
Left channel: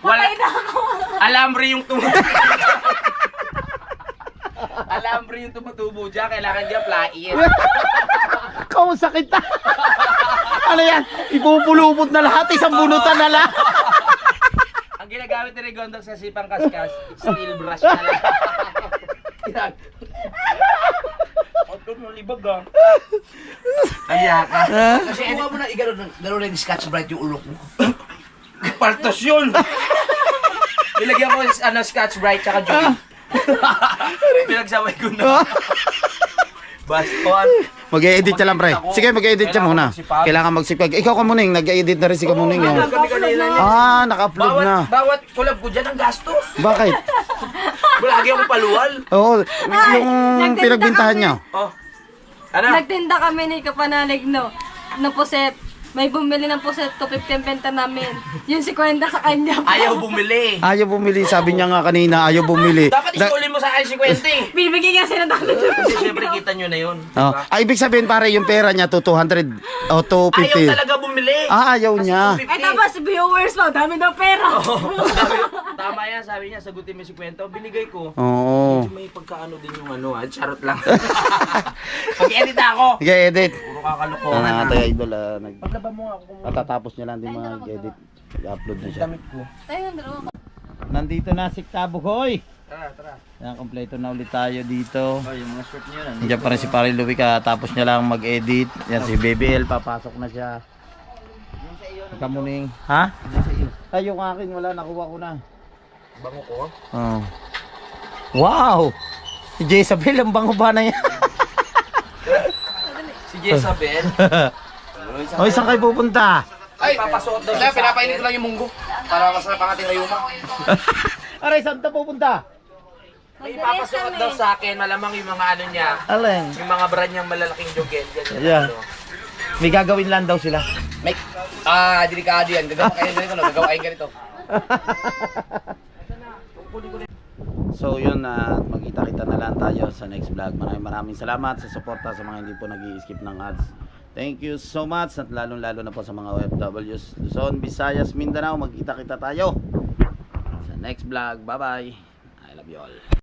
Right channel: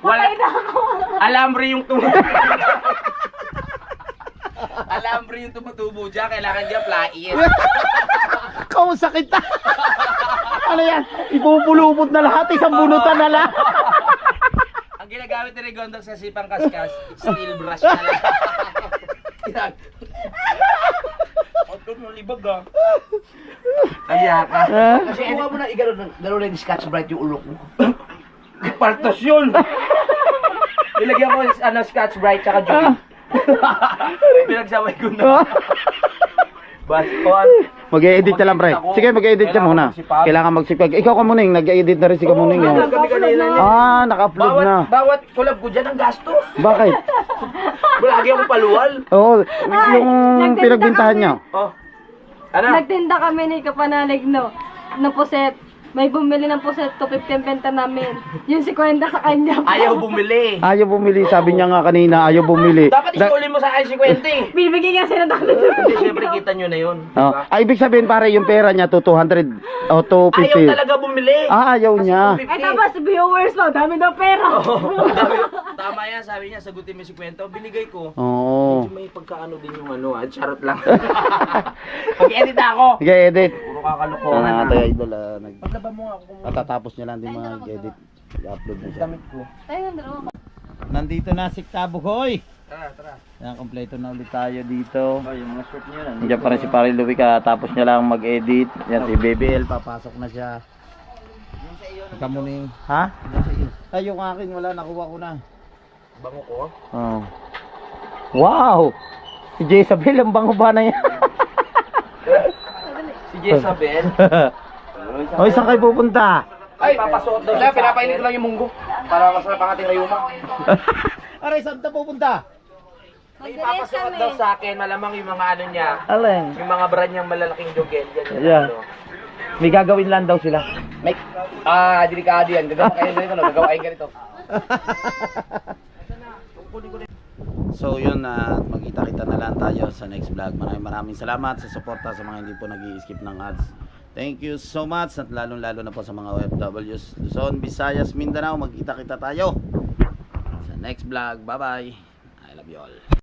patay na ako. Alambre yung tumutubo. Alambre yung tumutubo dyan. Kailangan dyan plait. Kung sakit na. Ano yan? Ipupulupot na lahat. Isang bunutan na lang. Ang ginagamit ni Rigondok sa sipang kaskas, steel brush na lang. Yan. Huwag kang malibag ah. Kaya ka. Kasi kuha mo na igano na yung Scotch Brite yung ulok mo. Paltos yun. Nilagyan ko Scotch Brite tsaka Joey. Pinagsabay ko na. Baston. Mag-e-edit ka lang, pre. Sige, mag-e-edit ka muna. Kailangan magsipag. Ikaw ka muning, nag-e-edit na rin si Kamuning. Oh. Kami kanina niya. Ah, naka-upload na. Bawat collab ko dyan ang gastos. Bakit? Lagi akong paluwal. Oo, yung pinagbintahan niya. Oh. Ano? Nagtinda kami ni Kapanalig, no? Ng puset. May bumili ng puset, 250 ang benta namin. Yung 50 sa kanya. Ayaw bumili. Ayaw bumili, sabi niya nga kanina, ayaw bumili. Dapat isulin mo sa akin 50. Bibigyan nga sila natin. Kasi syempre kita nyo na yun. Oh. Ibig sabihin pare, yung pera niya to 200 o to Ayaw 50. talaga bumili. Ayaw niya. Ay tapos viewers mo, dami daw pera. Tama yan, sabi niya, sagutin mo si kwento. Binigay ko. Oo. Medyo may pagkaano din yung ano, charot lang. Pag-edit ako. Sige, edit. Puro kakalokohan. Tayo idol, Paglaba mo nga ako kung katatapos niya lang din mag-edit. I-upload na siya. damit ko. Tayo ng dalawa. Nandito na si Tabuhoy. Tara, tara. Yan, kompleto na ulit tayo dito. Oh, yung mga shirt niyo na. Nandiyan pa rin si Pare Louie, tapos niya lang mag-edit. Yan, si Baby L, papasok na siya. Kamuning. Ha? Ay, yung akin, wala, nakuha ko na. Bango ko. Oh. Wow! Si Jezabel, ang bango ba na yan? Si Jezabel. Hoy, saan kayo pupunta? Ay, Papasuot daw wala, siya. pinapainit ko lang yung munggo. Para masarap ang ating rayuma. Aray, saan ta pupunta? May papasuot daw sa akin, malamang yung mga ano niya. Alin? Yung mga brand niyang malalaking jogel. Ganyan. Yeah. Ano. May gagawin lang daw sila. May, delikado yan. Gagawa kayo ganito, no? Gagawain ganito. So yun, magkita-kita na lang tayo sa next vlog. Maraming salamat sa suporta sa mga hindi po nag-i-skip ng ads. Thank you so much, at lalong-lalo na po sa mga OFWs Luzon, Visayas, Mindanao. Magkita-kita tayo sa next vlog. Bye-bye. I love you all.